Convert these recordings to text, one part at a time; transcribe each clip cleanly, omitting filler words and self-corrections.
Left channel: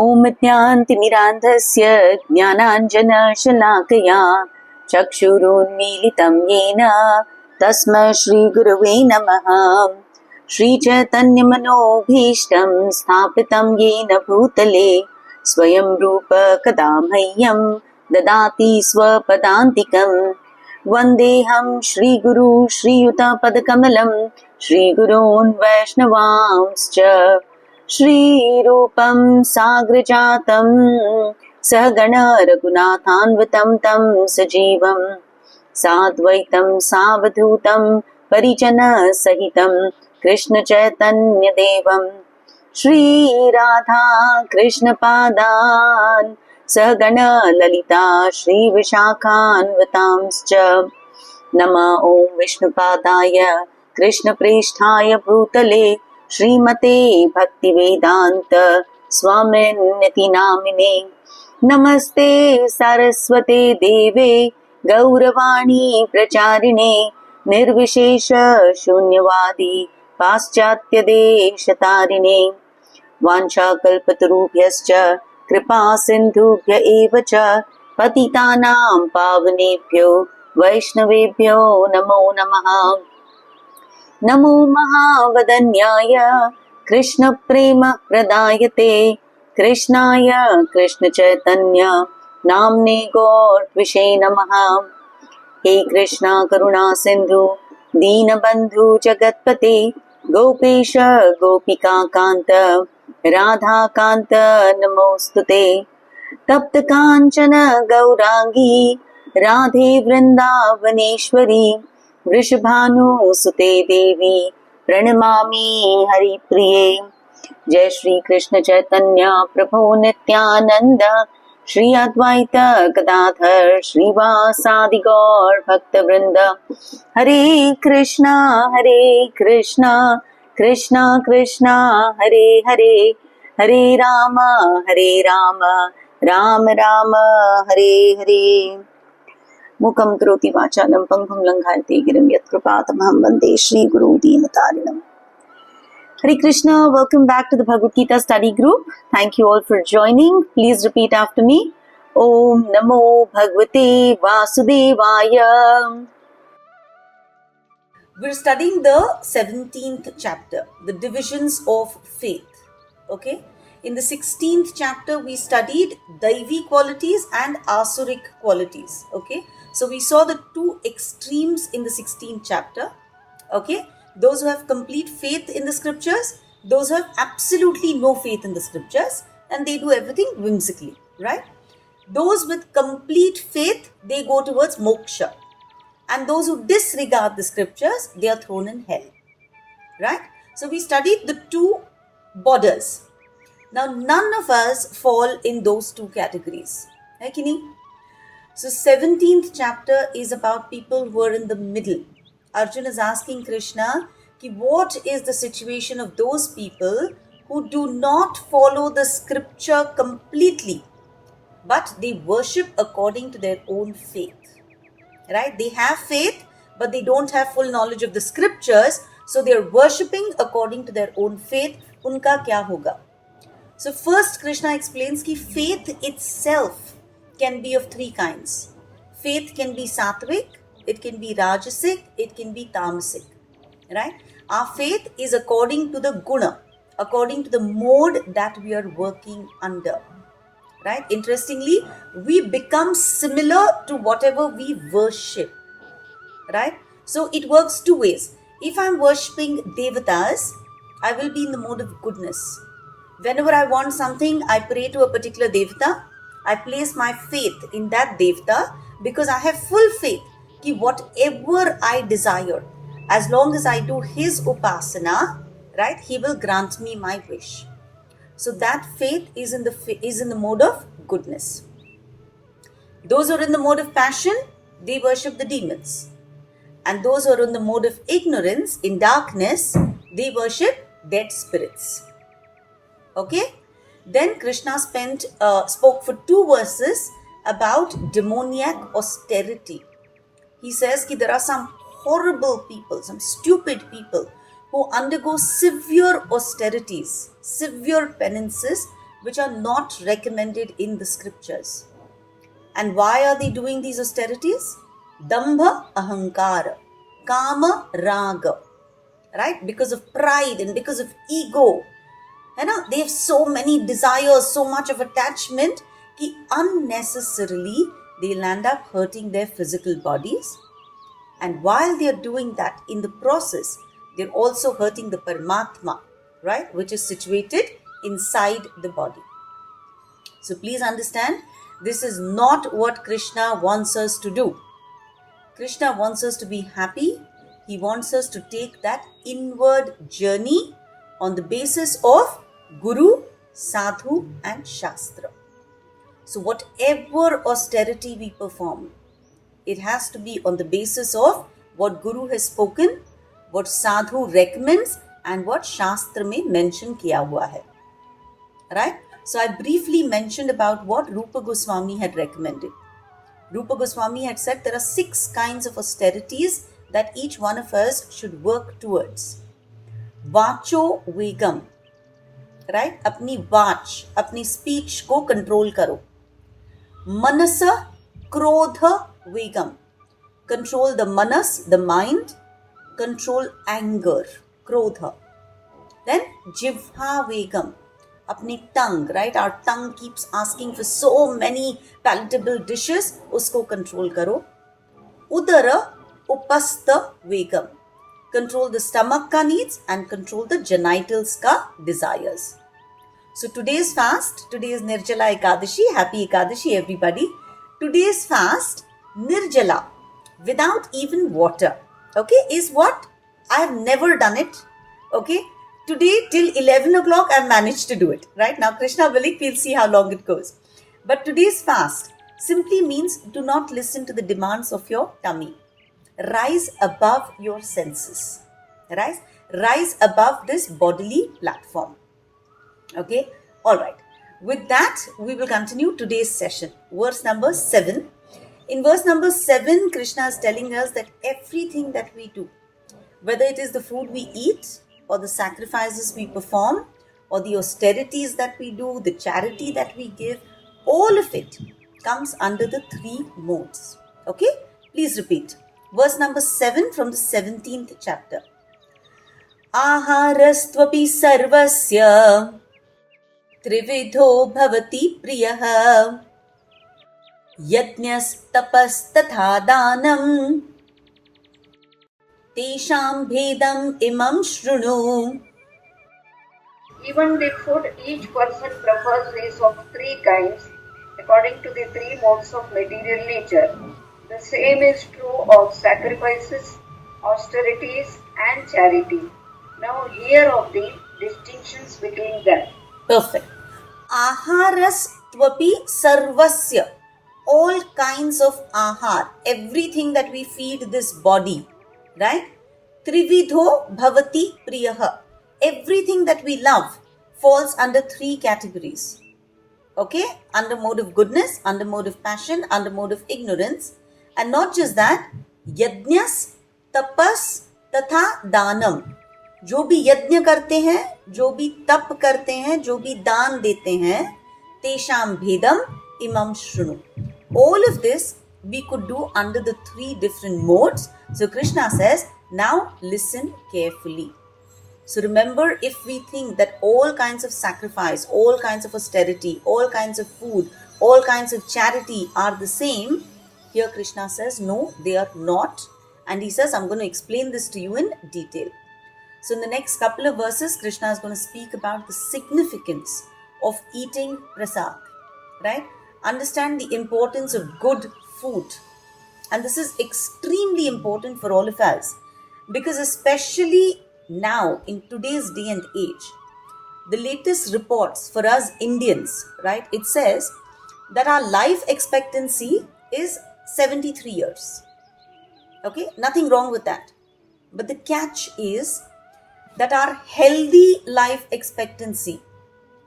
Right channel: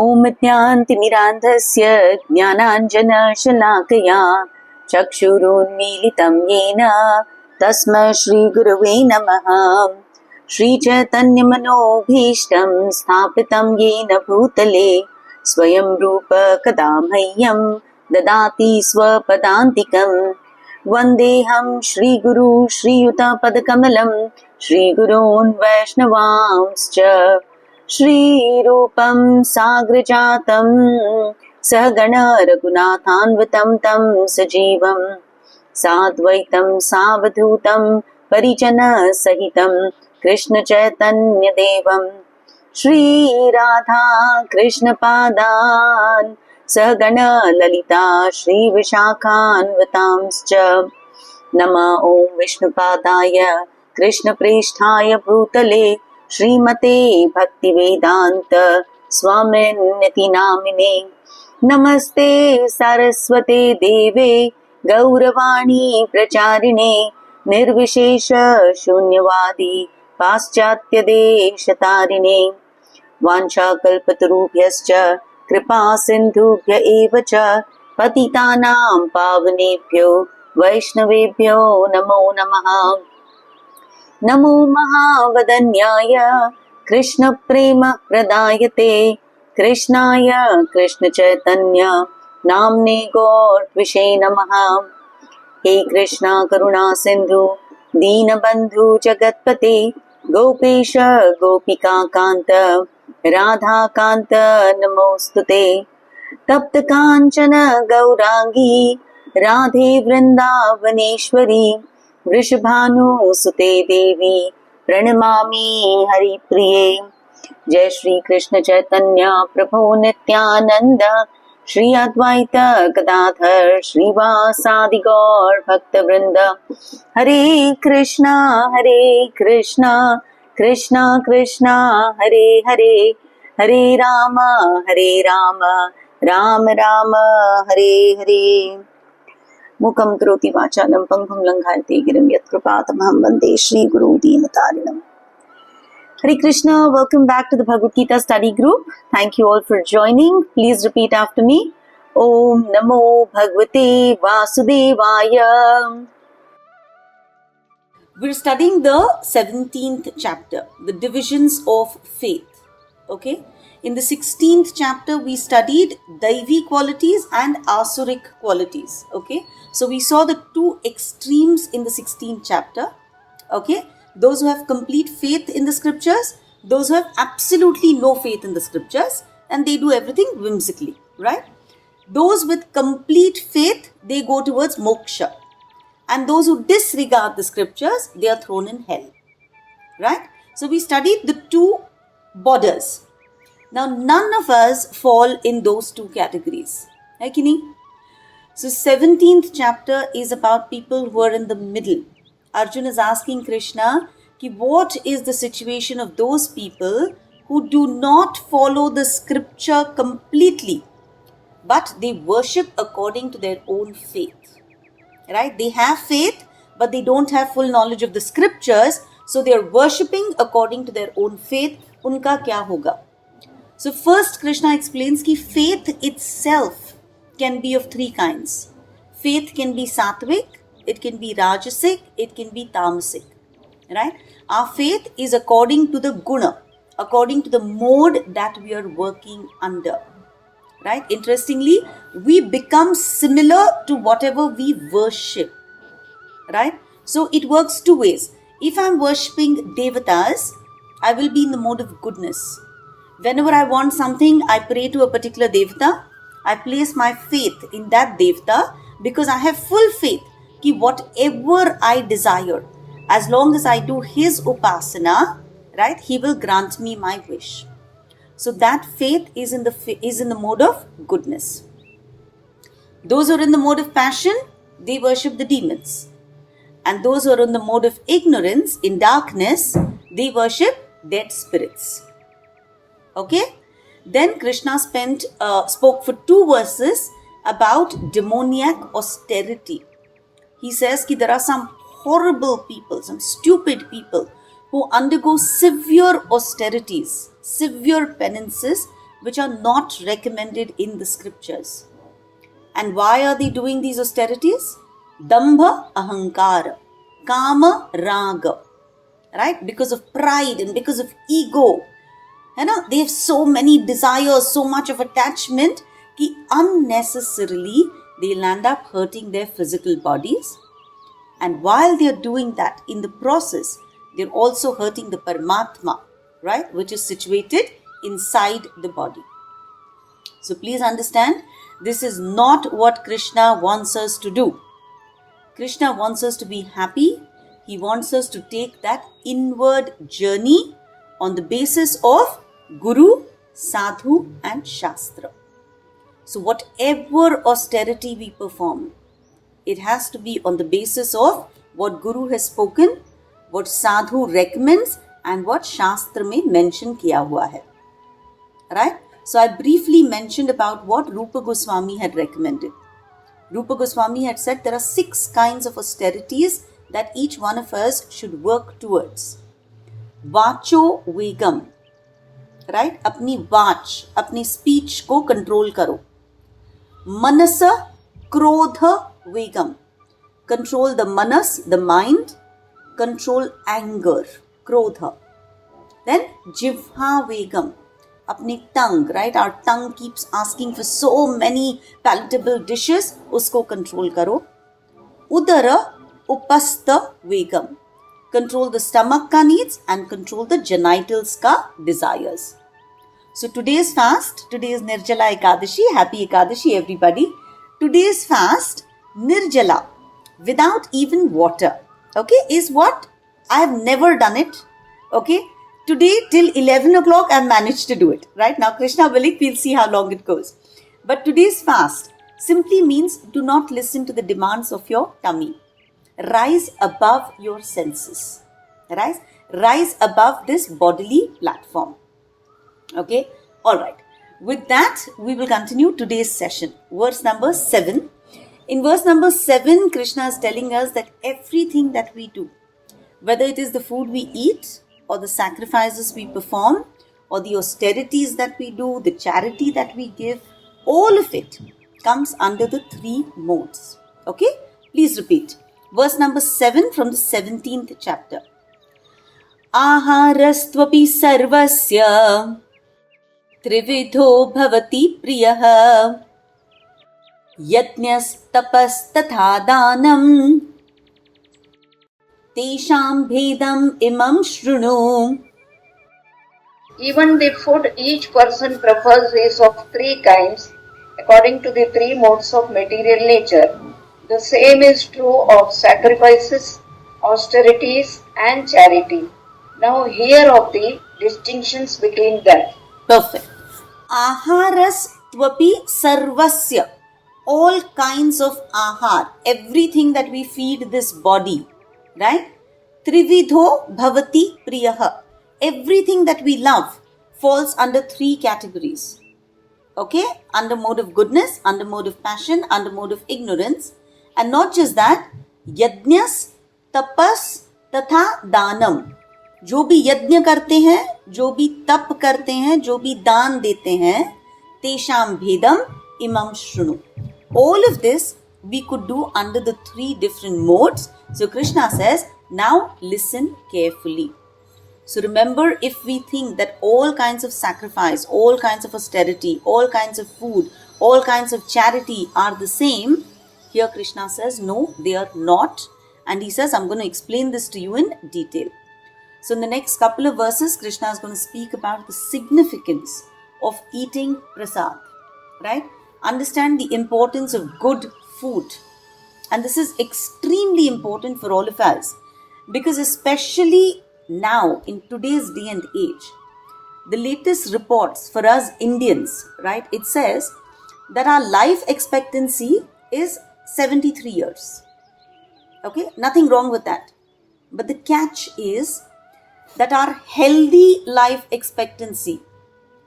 ॐ ज्ञानतिमिरान्धस्य ज्ञानाञ्जनशलाकया चक्षुरुन्मीलितं येन तस्मै श्रीगुरवे नमः। श्रीचैतन्यमनोभीष्टं स्थापितं येन भूतले स्वयं रूप कदा मह्यं ददाति स्वपदान्तिकं। वन्देऽहं श्रीगुरु श्रीयुतपदकमलं श्रीगुरून् वैष्णवांश्च श्रीरूपं साग्रजातं सहगण रघुनाथान्वितं तं सजीवं साद्वैतं सावधूतं परिजनसहितं कृष्ण चैतन्य देवं श्रीराधा कृष्णपादान् सहगण ललिता श्रीविशाखान्वितांश्च। नमः ॐ विष्णुपादाय कृष्णप्रेष्ठाय भूतले श्रीमते भक्तिवेदांत स्वामिन्निति नामिने। नमस्ते सरस्वते देवे गौरवाणी प्रचारिणे निर्विशेष शून्यवादी पाश्चात्य देशतारिणे। वाञ्छाकल्पतरुभ्यश्च कृपा सिन्धुभ्य एव च पतितानां पावनेभ्यो वैष्णवेभ्यो नमो नमः। नमो महावदन्याय कृष्णप्रेम प्रदायते कृष्णाय कृष्णचैतन्य नाम्ने गौरत्विषे नमः। हे कृष्णा करुणा सिन्धु दीनबन्धु जगत्पते गोपेश गोपिका कान्त राधाकान्त नमोस्तुते। तप्त काञ्चन गौरांगी राधे वृन्दावनेश्वरी वृषभानुसुते देवी प्रणमामि हरिप्रिये। जय श्री कृष्ण चैतन्य प्रभु नित्यानंद श्री अद्वैत गदाधर श्रीवासादि गौर भक्तवृंद। हरे कृष्णा कृष्णा कृष्णा हरे हरे, हरे राम राम राम हरे हरे। मुखं करोति वाचालं पंगुं लंघयते गिरिं यत्कृपातमहं वन्दे श्रीगुरुं दीनतारिणम्। Hare Krishna, welcome back to the Bhagavad Gita study group. Thank you all for joining. Please repeat after me. Om Namo Bhagavate Vasudevaya. We're studying the 17th chapter, the divisions of faith. Okay? In the 16th chapter, we studied Daivi qualities and Asuric qualities. Okay? So we saw the two extremes in the 16th chapter. Okay? Those who have complete faith in the scriptures, those who have absolutely no faith in the scriptures, and they do everything whimsically. Right? Those with complete faith, they go towards moksha. And those who disregard the scriptures, they are thrown in hell. Right? So we studied the two borders. Now none of us fall in those two categories. Right, Kini? So 17th chapter is about people who are in the middle. Arjuna is asking Krishna, what is the situation of those people who do not follow the scripture completely, but they worship according to their own faith. Right? They have faith, but they don't have full knowledge of the scriptures, so they are worshipping according to their own faith. Unka kya hoga? So first Krishna explains that faith itself can be of three kinds. Faith can be sattvic, it can be rajasic, it can be tamasic. Right? Our faith is according to the guna, according to the mode that we are working under. Right? Interestingly, we become similar to whatever we worship. Right? So it works two ways. If I'm worshipping devatas, I will be in the mode of goodness. Whenever I want something, I pray to a particular devata. I place my faith in that devata because I have full faith that whatever I desire, as long as I do his upasana, right, he will grant me my wish. So that faith is in the mode of goodness. Those who are in the mode of passion, they worship the demons. And those who are in the mode of ignorance, in darkness, they worship dead spirits. Okay? Then Krishna spoke for 2 verses about demoniac austerity. He says that there are some horrible people, some stupid people who undergo severe austerities, severe penances which are not recommended in the scriptures. And why are they doing these austerities? Dambha ahankara, kama raga, right? Because of pride and because of ego. They have so many desires, so much of attachment, कि unnecessarily they'll end up hurting their physical bodies. And while they're doing that, in the process, they're also hurting the Paramatma, right? Which is situated inside the body. So please understand, this is not what Krishna wants us to do. Krishna wants us to be happy. He wants us to take that inward journey on the basis of Guru, Sadhu and Shastra. So whatever austerity we perform, it has to be on the basis of what Guru has spoken, what Sadhu recommends and what Shastra mein mention kiya hua hai. Right? So I briefly mentioned about what Rupa Goswami had recommended. Rupa Goswami had said there are 6 kinds of austerities that each one of us should work towards. Vacho Vegam, right? Apni vach, apni speech ko control karo. Manasa Krodha Vegam, control the manas, the mind, control anger, Krodha. Then Jivha Vegam, apni tongue, right? Our tongue keeps asking for so many palatable dishes, usko control karo. Udara Upastha Vegam, control the stomach ka needs and control the genitals ka desires. So today's fast, today is Nirjala Ekadashi, happy Ekadashi everybody. Today's fast, Nirjala, without even water, okay, is what? I have never done it, okay. Today till 11 o'clock I managed to do it, right? Now Krishna willing, we'll see how long it goes. But today's fast simply means do not listen to the demands of your tummy. Rise above your senses, right? Rise above this bodily platform. Okay, all right. With that, we will continue today's session. Verse number 7. In verse number 7, Krishna is telling us that everything that we do, whether it is the food we eat or the sacrifices we perform or the austerities that we do, the charity that we give, all of it comes under the 3 modes. Okay, please repeat. Verse number 7 from the 17th chapter. Aharastvapi sarvasya त्रिविधो भवति प्रियः यज्ञस्तपस्तथा दानं तेषां भेदम् इमं शृणु. Even the food each person prefers is of 3 kinds according to the 3 modes of material nature. The same is true of sacrifices, austerities and charity. Now hear of the distinctions between them. Perfect. Aharas tvapi sarvasya, all kinds of ahar, everything that we feed this body, right? Trividho bhavati priyaha, everything that we love falls under 3 categories. Okay, under mode of goodness, under mode of passion, under mode of ignorance. And not just that, yajnas, tapas तथा दानम, जो भी यज्ञ करते हैं, जो भी तप करते हैं, जो भी दान देते हैं, तेषाम भेदम इमम शृणु. All of this we could do under the 3 different modes. So Krishna says, now listen carefully. So remember, if we think that all kinds of sacrifice, all kinds of austerity, all kinds of food, all kinds of charity are the same, here Krishna says, no, they are not. And he says, I'm going to explain this to you in detail. So in the next couple of verses, Krishna is going to speak about the significance of eating prasad, right? Understand the importance of good food. And this is extremely important for all of us, because especially now in today's day and age, the latest reports for us Indians, right? It says that our life expectancy is 73 years. Okay, nothing wrong with that. But the catch is that our healthy life expectancy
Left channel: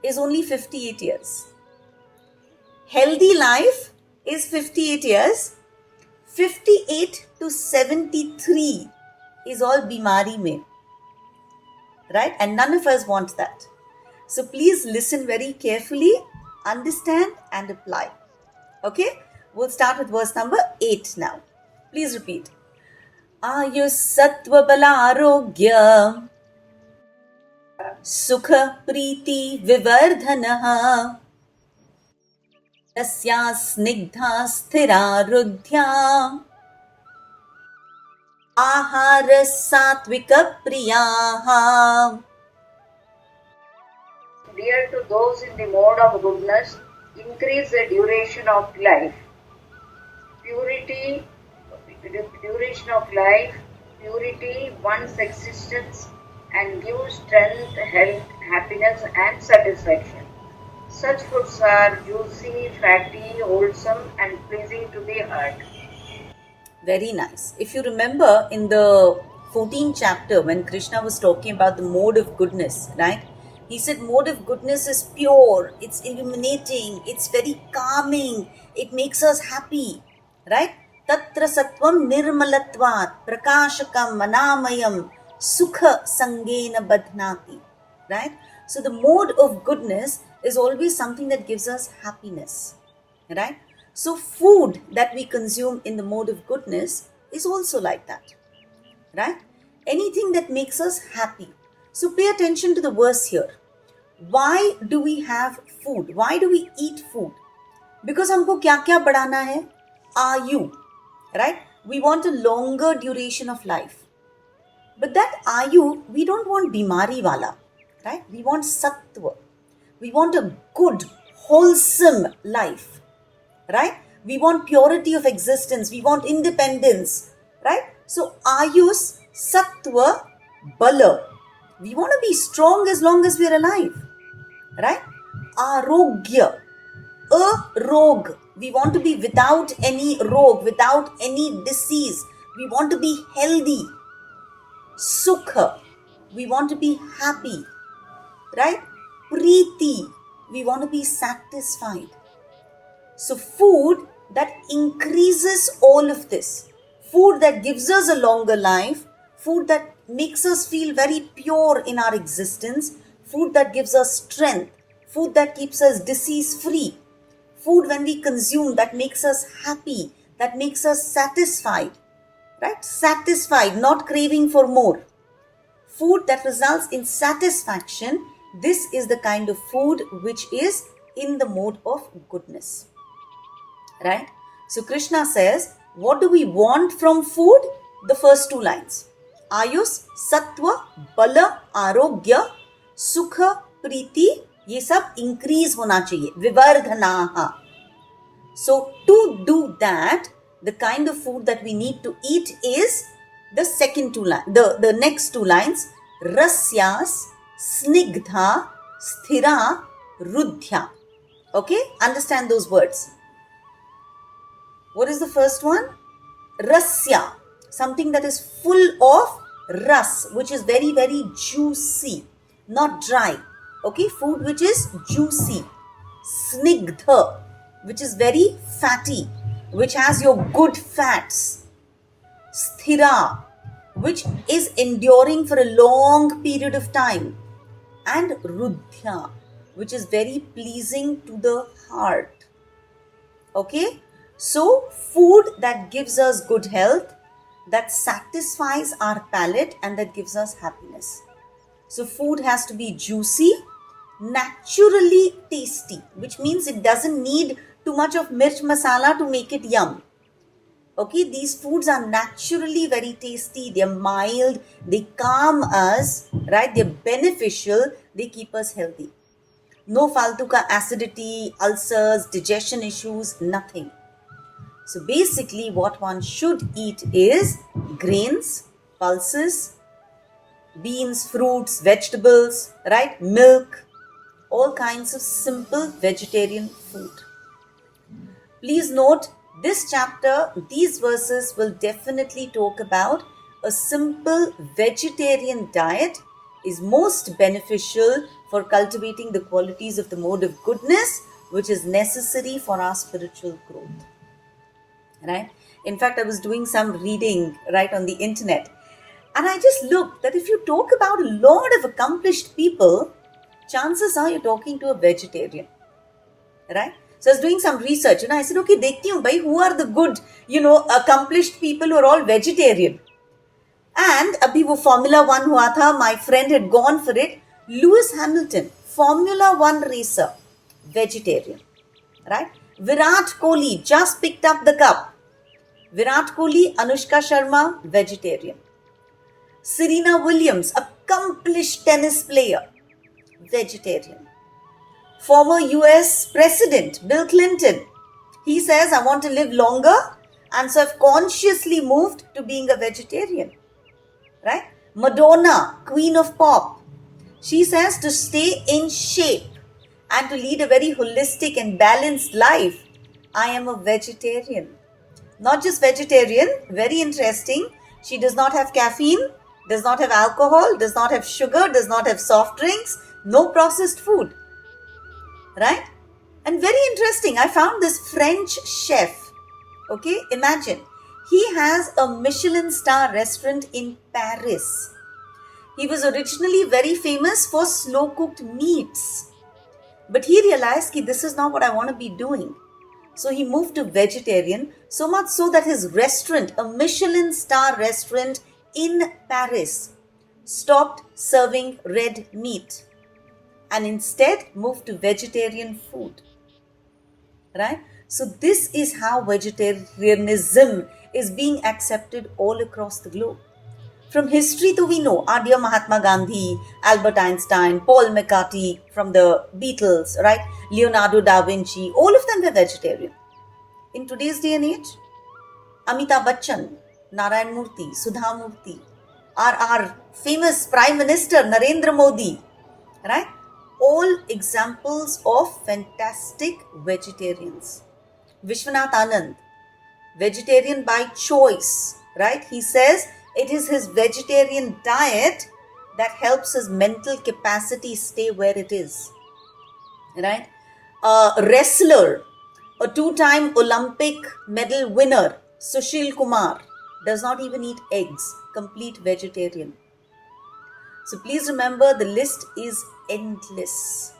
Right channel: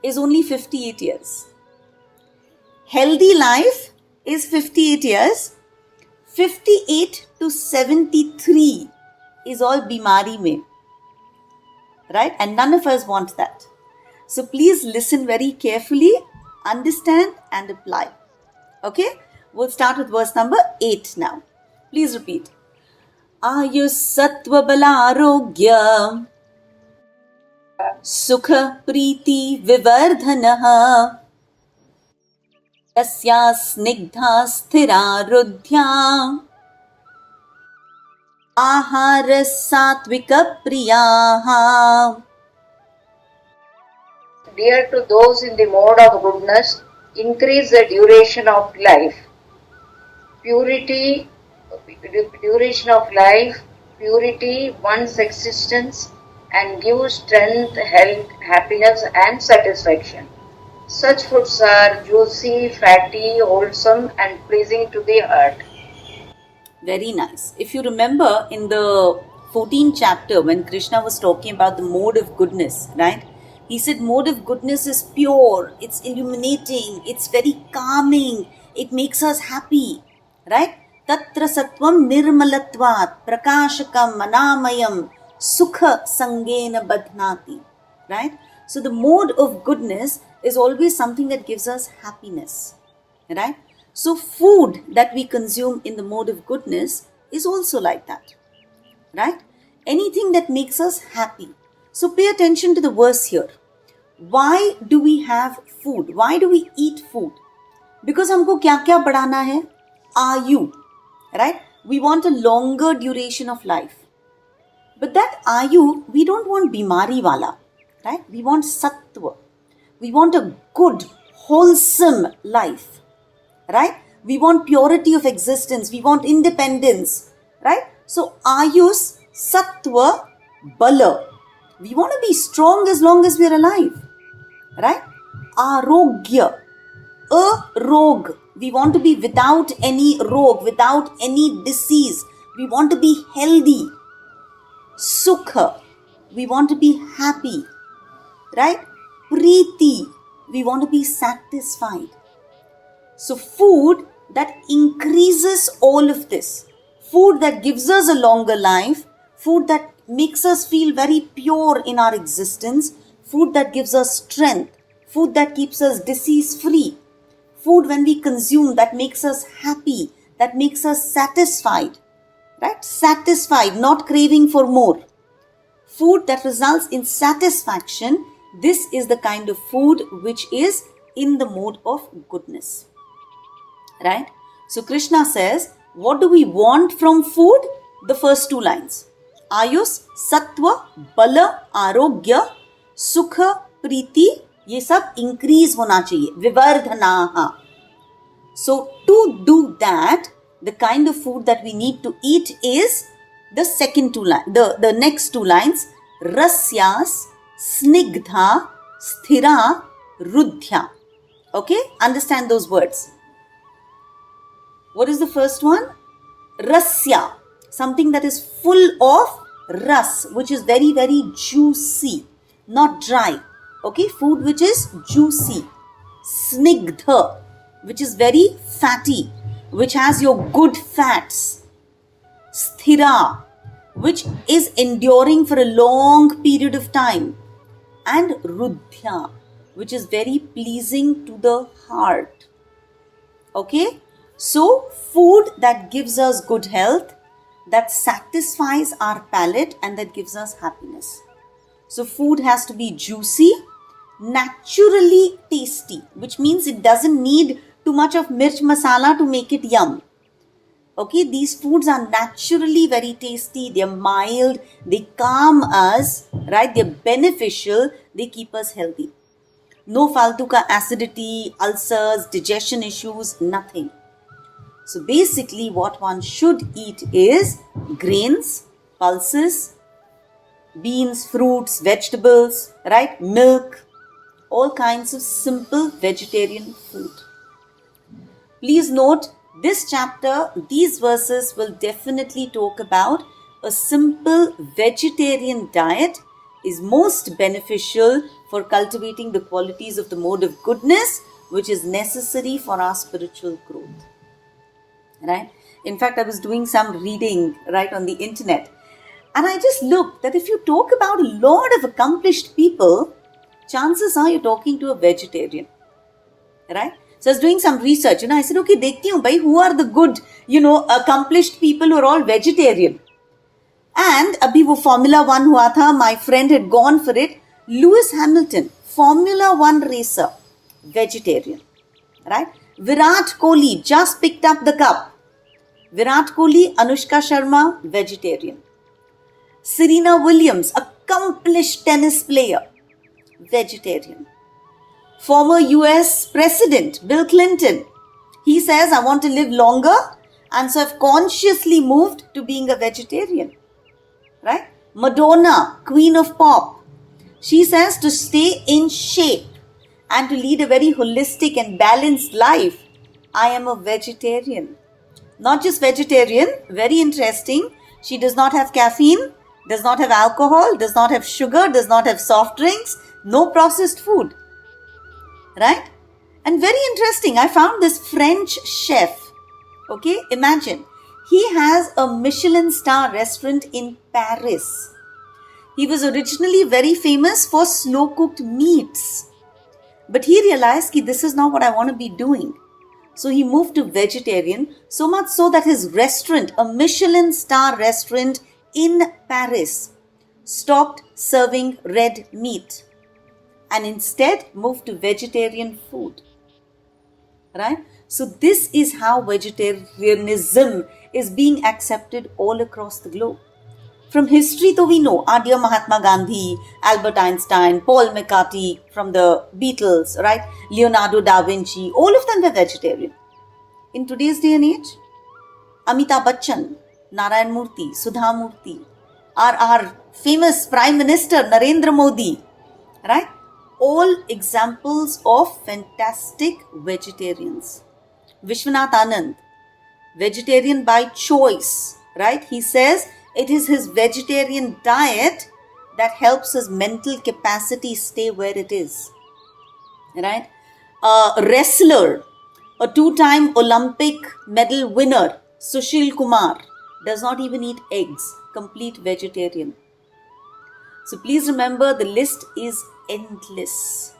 is only 58 years. Healthy life is 58 years. 58 to 73 is all bimari mein. Right? And none of us want that. So please listen very carefully, understand and apply. Okay, we'll start with verse number 8 now. Please repeat. Ayus sattva bala arogya sukha priti vivardhanaha tasya snigdha sthira rudhya ahara satvika priyaha. Dear to those in the mode of goodness, increase the duration of life. Duration of life, purity, one's existence, and give strength, health, happiness, and satisfaction. Such foods are juicy, fatty, wholesome, and pleasing to the heart. Very nice. If you remember in the 14th chapter, when Krishna was talking about the mode of goodness, right? He said mode of goodness is pure, it's illuminating, it's very calming, it makes us happy, right? Tatra sattvam nirmalatvat prakashakam manamayam sukha sangena badhnati, right? So the mode of goodness is always something that gives us happiness, right? So food that we consume in the mode of goodness is also like that, right? Anything that makes us happy. So pay attention to the verse here. Why do we have food? Why do we eat food? Because हमको क्या क्या बढ़ाना है? आयु, right? We want a longer duration of life. But that ayu, we don't want bimari wala, right? We want sattva. We want a good, wholesome life, right? We want purity of existence. We want independence, right? So ayus, sattva, bala. We want to be strong as long as we're alive, right? Arogya, a rog. We want to be without any rog, without any disease. We want to be healthy. Sukha, we want to be happy, right? Priti, we want to be satisfied. So food that increases all of this, food that gives us a longer life, food that makes us feel very pure in our existence, food that gives us strength, food that keeps us disease free, food when we consume that makes us happy, that makes us satisfied, right? Satisfied, not craving for more. Food that results in satisfaction, this is the kind of food which is in the mode of goodness, right? So Krishna says, what do we want from food? The first two lines. Ayus, Sattva, Bala, Arogya, Sukha, Priti, ये सब increase होना चाहिए. Vivardhanaha. So to do that, the kind of food that we need to eat is the second two lines, the next two lines. Rasyas, Snigdha, Sthira, Rudhya. Okay, understand those words. What is the first one? Rasya, something that is full of ras, which is very, very juicy, not dry. Okay, food which is juicy. Snigdha, which is very fatty, which has your good fats. Sthira, which is enduring for a long period of time. And Rudhya, which is very pleasing to the heart. Okay, so food that gives us good health, that satisfies our palate and that gives us happiness. So food has to be juicy, naturally tasty, which means it doesn't need too much of mirch masala to make it yum. Okay, these foods are naturally very tasty, they're mild, they calm us, right? They're beneficial, they keep us healthy. No faltu ka acidity, ulcers, digestion issues, nothing. So basically what one should eat is grains, pulses, beans, fruits, vegetables, right? Milk, all kinds of simple vegetarian food. Please note, this chapter, these verses will definitely talk about a simple vegetarian diet is most beneficial for cultivating the qualities of the mode of goodness, which is necessary for our spiritual growth. Right? In fact, I was doing some reading right on the internet, and I just looked that if you talk about a lot of accomplished people, chances are you're talking to a vegetarian, right? So I was doing some research, I said, okay, dekhti hu bhai, who are the good, accomplished people who are all vegetarian. And abhi wo Formula 1 hua tha, my friend had gone for it. Lewis Hamilton, Formula 1 racer, vegetarian, right? Virat Kohli just picked up the cup. Virat Kohli, Anushka Sharma, vegetarian. Serena Williams, accomplished tennis player, vegetarian. Former US President Bill Clinton, he says, I want to live longer, and so I've consciously moved to being a vegetarian, right? Madonna, Queen of Pop, she says to stay in shape and to lead a very holistic and balanced life, I am a vegetarian. Not just vegetarian, very interesting, she does not have caffeine, does not have alcohol, does not have sugar, does not have soft drinks, no processed food, right? And very interesting, I found this French chef, okay, imagine, he has a Michelin star restaurant in Paris. He was originally very famous for slow cooked meats, but he realized that this is not what I want to be doing. So he moved to vegetarian, so much so that his restaurant, a Michelin star restaurant in Paris, stopped serving red meat and instead moved to vegetarian food, right? So this is how vegetarianism is being accepted all across the globe. From history, though, we know our dear Mahatma Gandhi, Albert Einstein, Paul McCartney from the Beatles, right? Leonardo da Vinci, all of them were vegetarian. In today's day and age, Amitabh Bachchan, Narayan Murthy, Sudha Murthy, our famous Prime Minister Narendra Modi, right? All examples of fantastic vegetarians. Vishwanath Anand, vegetarian by choice, right? He says it is his vegetarian diet that helps his mental capacity stay where it is, right? Wrestler, a two-time Olympic medal winner, Sushil Kumar, does not even eat eggs, complete vegetarian. So please remember, the list is endless,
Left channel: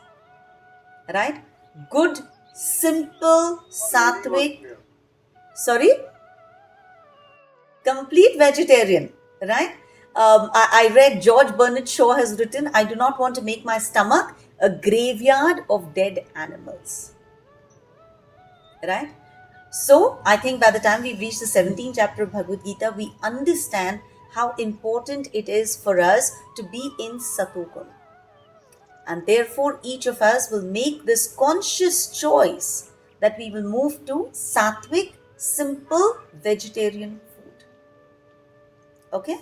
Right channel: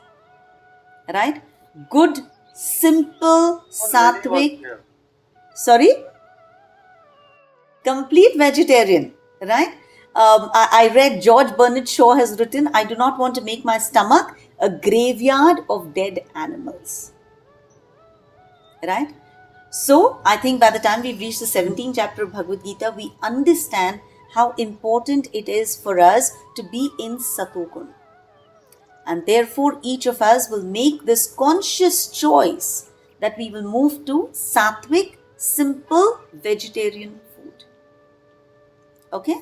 right? Good, simple, sattvic, sorry? Complete vegetarian, right? I read George Bernard Shaw has written, I do not want to make my stomach a graveyard of dead animals, right? So I think by the time we've reached the 17th chapter of Bhagavad Gita, we understand how important it is for us to be in Satogun. And therefore, each of us will make this conscious choice that we will move to sattvic, simple, vegetarian food. Okay?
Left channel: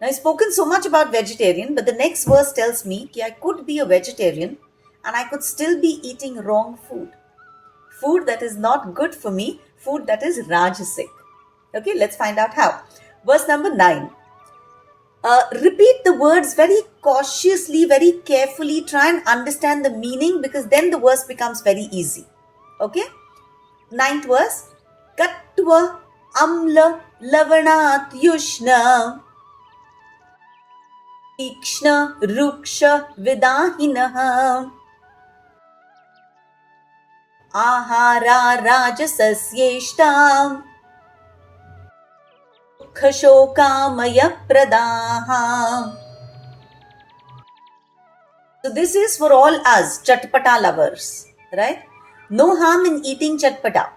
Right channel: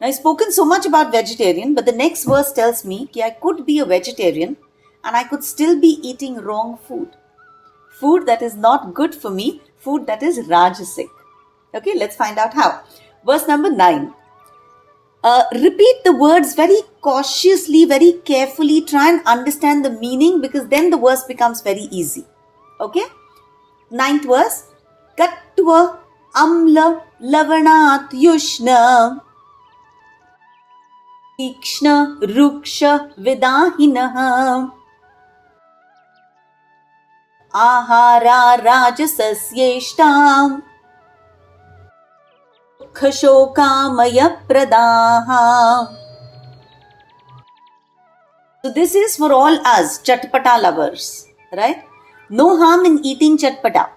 Now, I've spoken so much about vegetarian, but the next verse tells me that I could be a vegetarian and I could still be eating wrong food. Food that is not good for me, food that is rajasic. Okay, let's find out how. Verse number 9. Repeat the words very cautiously, very carefully. Try and understand the meaning, because then the verse becomes very easy. Okay? 9th verse. Kattva amla lavanat yushna ikshna ruksha vidahinaha ahara rajasasyeshtam Khashokamaya Pradaha. So this is for all us chatpata lovers, right? No harm in eating chatpata.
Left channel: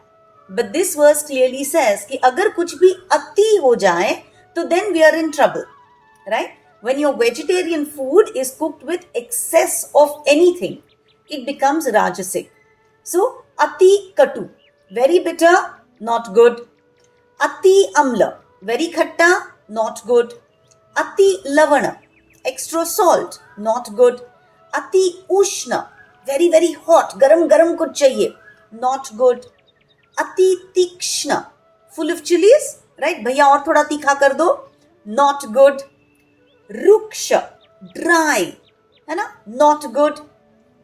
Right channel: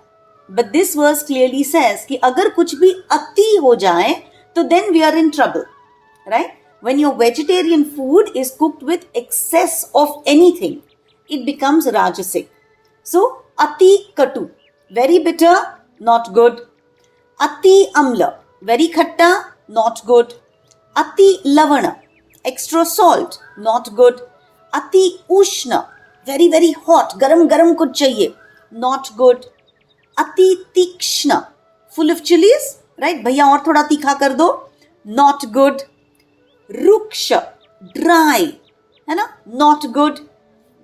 But this verse clearly says कि अगर कुछ भी अति हो जाए, तो then we are in trouble, right? When your vegetarian food is cooked with excess of anything, it becomes rajasic. So ati katu, very bitter, not good. Ati amla, very khatta, not good. Ati lavana, extra salt, not good. Ati ushna, very very hot, garam garam kuch chahiye, not good. Ati tikshna, full of chilies, right? Bhaiya aur thoda tikha kar do, not good. Ruksha, dry, not good.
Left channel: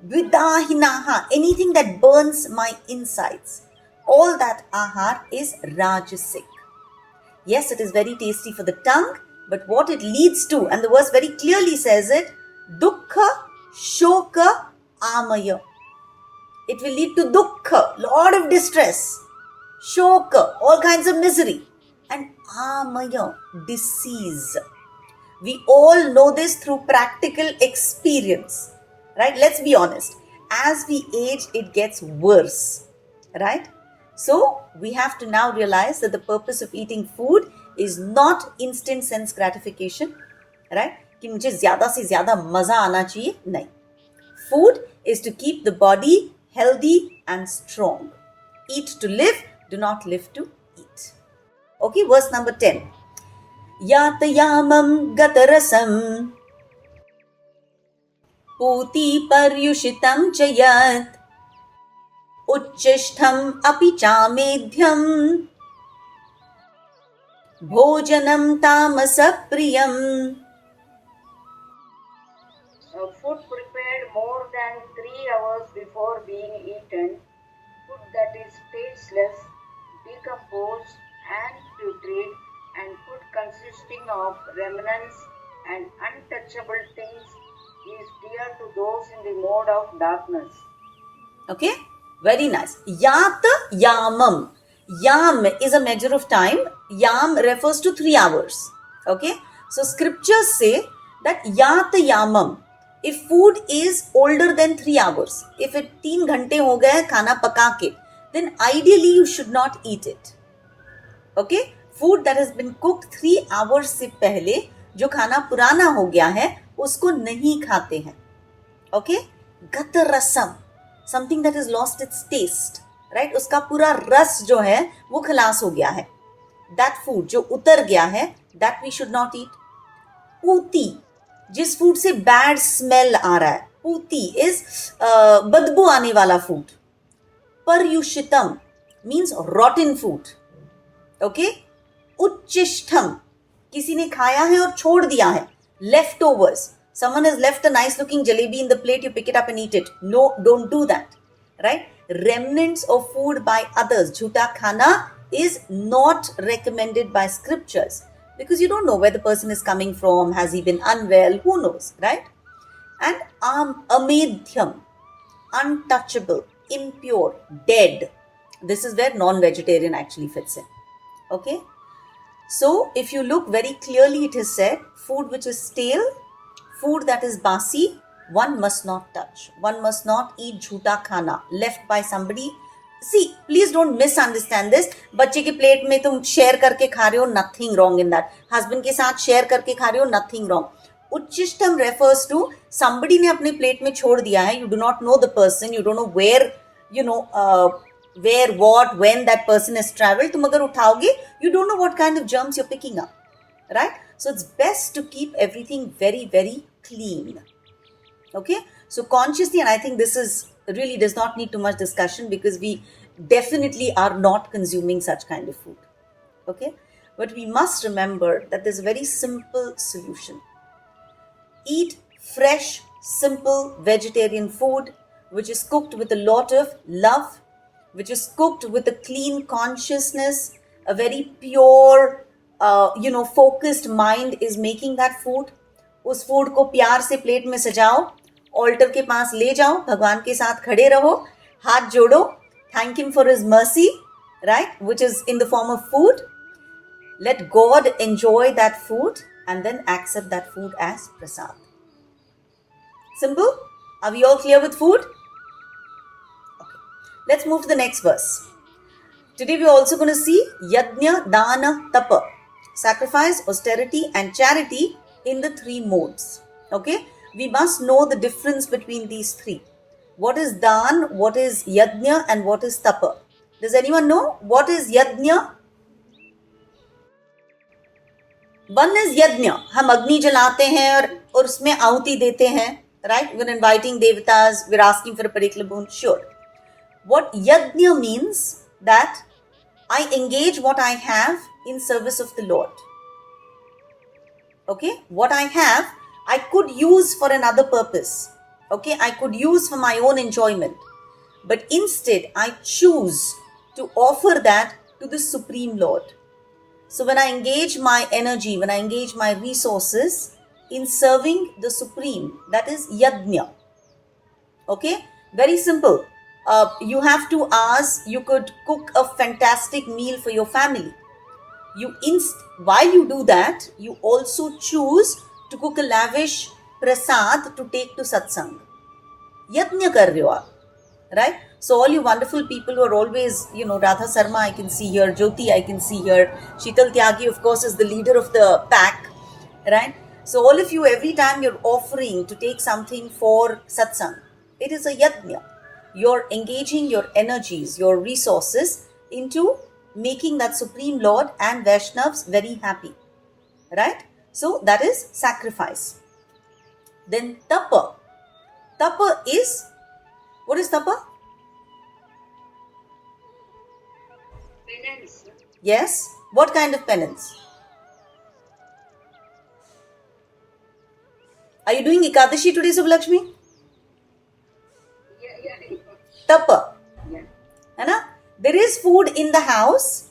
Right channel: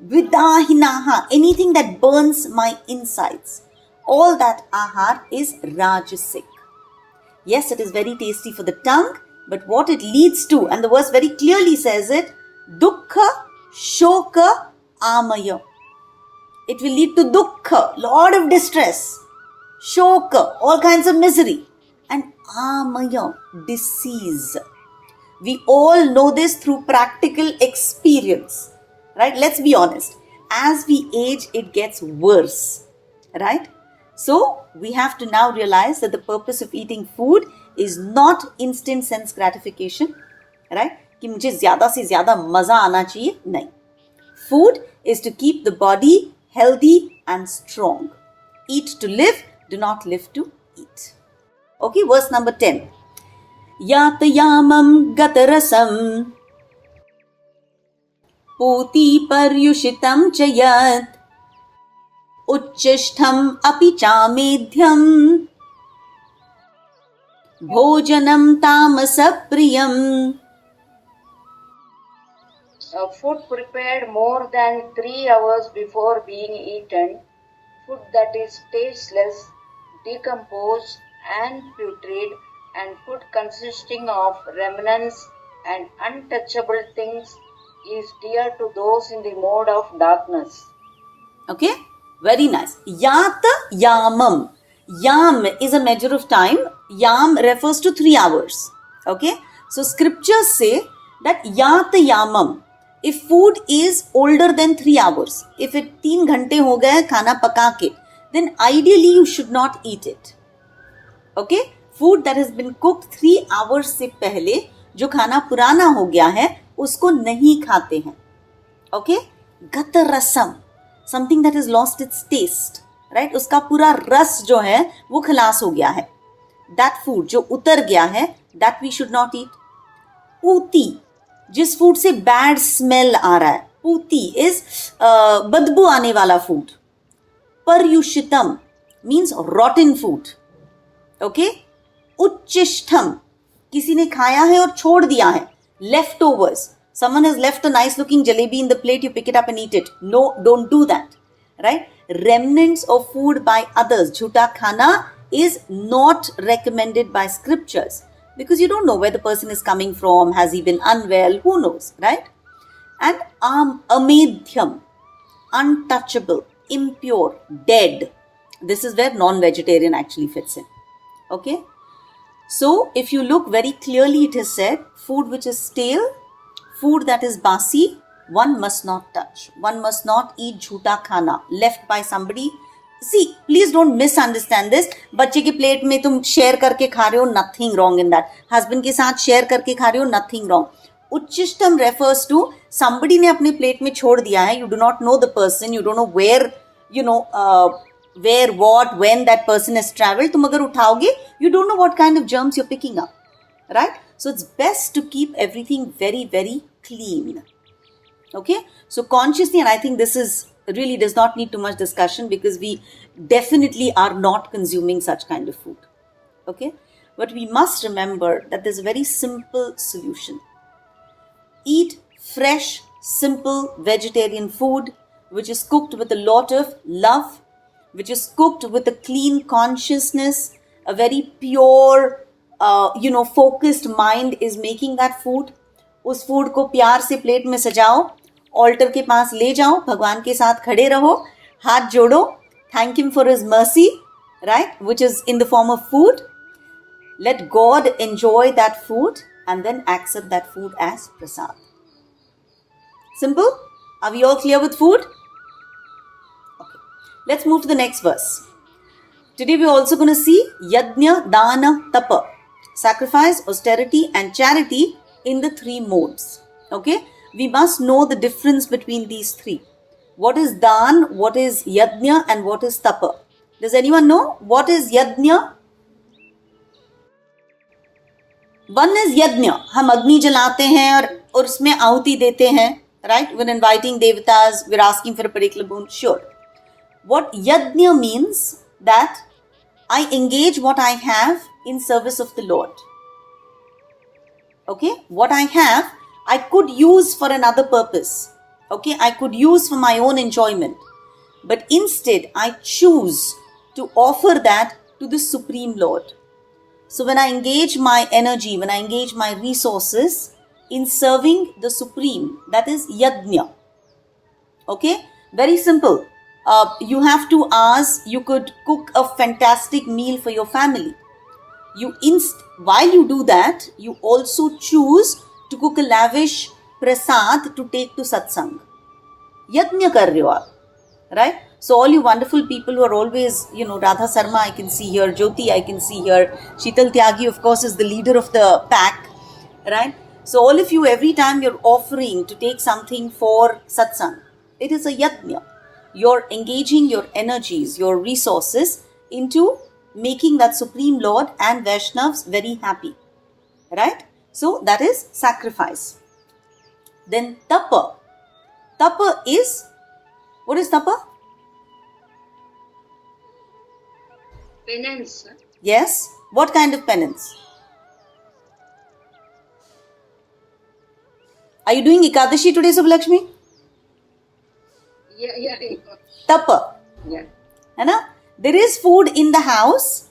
Vidahinaha, anything that burns my insides. All that ahar is rajasic. Yes, it is very tasty for the tongue, but what it leads to, and the verse very clearly says it, dukkha Shoka amaya. It will lead to dukkha, lot of distress. Shoka, all kinds of misery. And amaya, disease. We all know this through practical experience, right? Let's be honest. As we age, it gets worse, right? So we have to now realize that the purpose of eating food is not instant sense gratification, right? कि मुझे ज़्यादा से ज़्यादा मज़ा आना चाहिए, नहीं. Food is to keep the body healthy and strong. Eat to live, do not live to eat. Okay, verse number 10. Yatayamam gatarasam Puti paryushitam chayat Uchchishtham api chamedhyam Bhojanam tamasapriyam. Food prepared more than 3 hours before being eaten, food that is tasteless, decomposed and putrid, and food consisting of remnants and untouchable things is dear to those in the mode of darkness. Okay, very nice. Yata yamam. Yam is a measure of time. Yam refers to 3 hours. Okay, so scriptures say that yata yamam. If food is older than 3 hours, if it 3 घंटे हो गए खाना पका के, then ideally you should not eat it. Okay, food that has been cooked 3 hours से पहले जो खाना पुराना हो गया है उसको नहीं खाते हैं. Okay, gatarasam, something that has lost its taste, right? उसका पूरा रस जो है वो खलास हो गया है. That food जो उतर गया है, that we should not eat. पूती, जिस फूड से बैड स्मेल आ रहा है, पूती इज बदबू आने वाला फूड. पर्युषितम मीन्स रॉटन फूड. ओके, उच्चिष्ठम, किसी ने खाया है और छोड़ दिया है, leftovers. Someone has left a nice looking jalebi in the plate, you pick it up and eat it. No, don't do that, right? Remnants of food by others, jhuta khana, is not recommended by scriptures. Because you don't know where the person is coming from, has he been unwell, who knows, right? And amedhyam, untouchable, impure, dead. This is where non-vegetarian actually fits in. Okay? So, if you look very clearly, it is said, food which is stale, food that is basi, one must not touch. One must not eat jhuta khana left by somebody. See, please don't misunderstand this. बच्चे की plate में तुम share करके खा रहे हो, nothing wrong in that. Husband के साथ शेयर करके खा रहे हो, nothing wrong. उच्चिष्टम refers to somebody ने अपने प्लेट में छोड़ दिया है. You do not know the person. You don't know where, where, what, when that person has traveled. तुम अगर उठाओगे, you don't know what kind of germs you're picking up, right? So it's best to keep everything very, very clean. Okay, so consciously, and I think this is really does not need too much discussion because we definitely are not consuming such kind of food. Okay, but we must remember that there's a very simple solution. Eat fresh, simple vegetarian food which is cooked with a lot of love, which is cooked with a clean consciousness, a very pure, focused mind is making that food. उस food को प्यार से plate में सजाओ, alter के पास ले जाओ, भगवान के साथ खड़े रहो, हाथ जोड़ो, thank him for his mercy, right, which is in the form of food. Let God enjoy that food and then accept that food as prasad. Simple? Are we all clear with food? Okay. Let's move to the next verse. Today we're also going to see yajna, dana, tapa. Sacrifice, austerity and charity in the 3 modes. Okay? We must know the difference between these 3. What is dan, what is yajna and what is tapa? Does anyone know what is yajna? One is yajna. हम अग्नि जलाते हैं और उसमें आहुति देते हैं. Right? We're inviting devatas, we're asking for a particular boon. Sure. What yajna means that I engage what I have in service of the Lord. Okay? What I have, I could use for another purpose. Okay? I could use for my own enjoyment. But instead, I choose to offer that to the Supreme Lord. So when I engage my energy, when I engage my resources in serving the Supreme, that is yajna. Okay, very simple. You have 2 hours, you could cook a fantastic meal for your family. While you do that, you also choose to cook a lavish prasad to take to satsang. Yajna kar rahe ho aap, right? So all you wonderful people who are always, Radha Sarma I can see here, Jyoti I can see here, Sheetal Tyagi of course is the leader of the pack, right? So all of you, every time you're offering to take something for satsang, it is a yajna. You're engaging your energies, your resources into making that Supreme Lord and Vaishnavas very happy, right? So that is sacrifice. Then tapa. Tapa is, what is tapa? Penance. Yes. What kind of penance? Are you doing Ekadashi today, Subhalakshmi? Yeah. Tapa. Yeah. Anna? There is food in the house,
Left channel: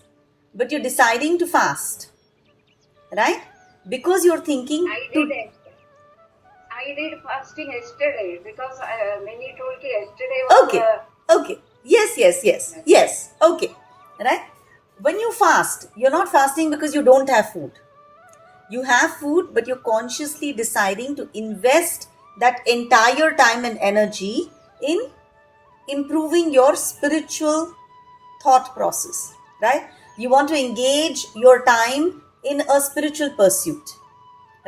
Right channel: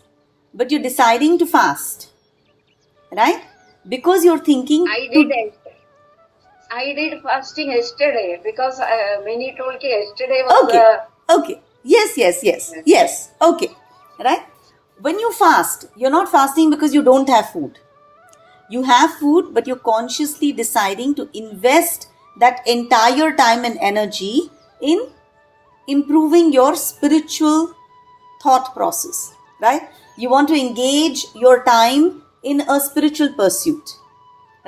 but you're deciding to fast. Right? Because you're thinking... I did fasting yesterday because Mini told me yesterday was... Okay. Yes. Okay. Right? When you fast, you're not fasting because you don't have food. You have food, but you're consciously deciding to invest that entire time and energy in improving your spiritual thought process, right? You want to engage your time in a spiritual pursuit,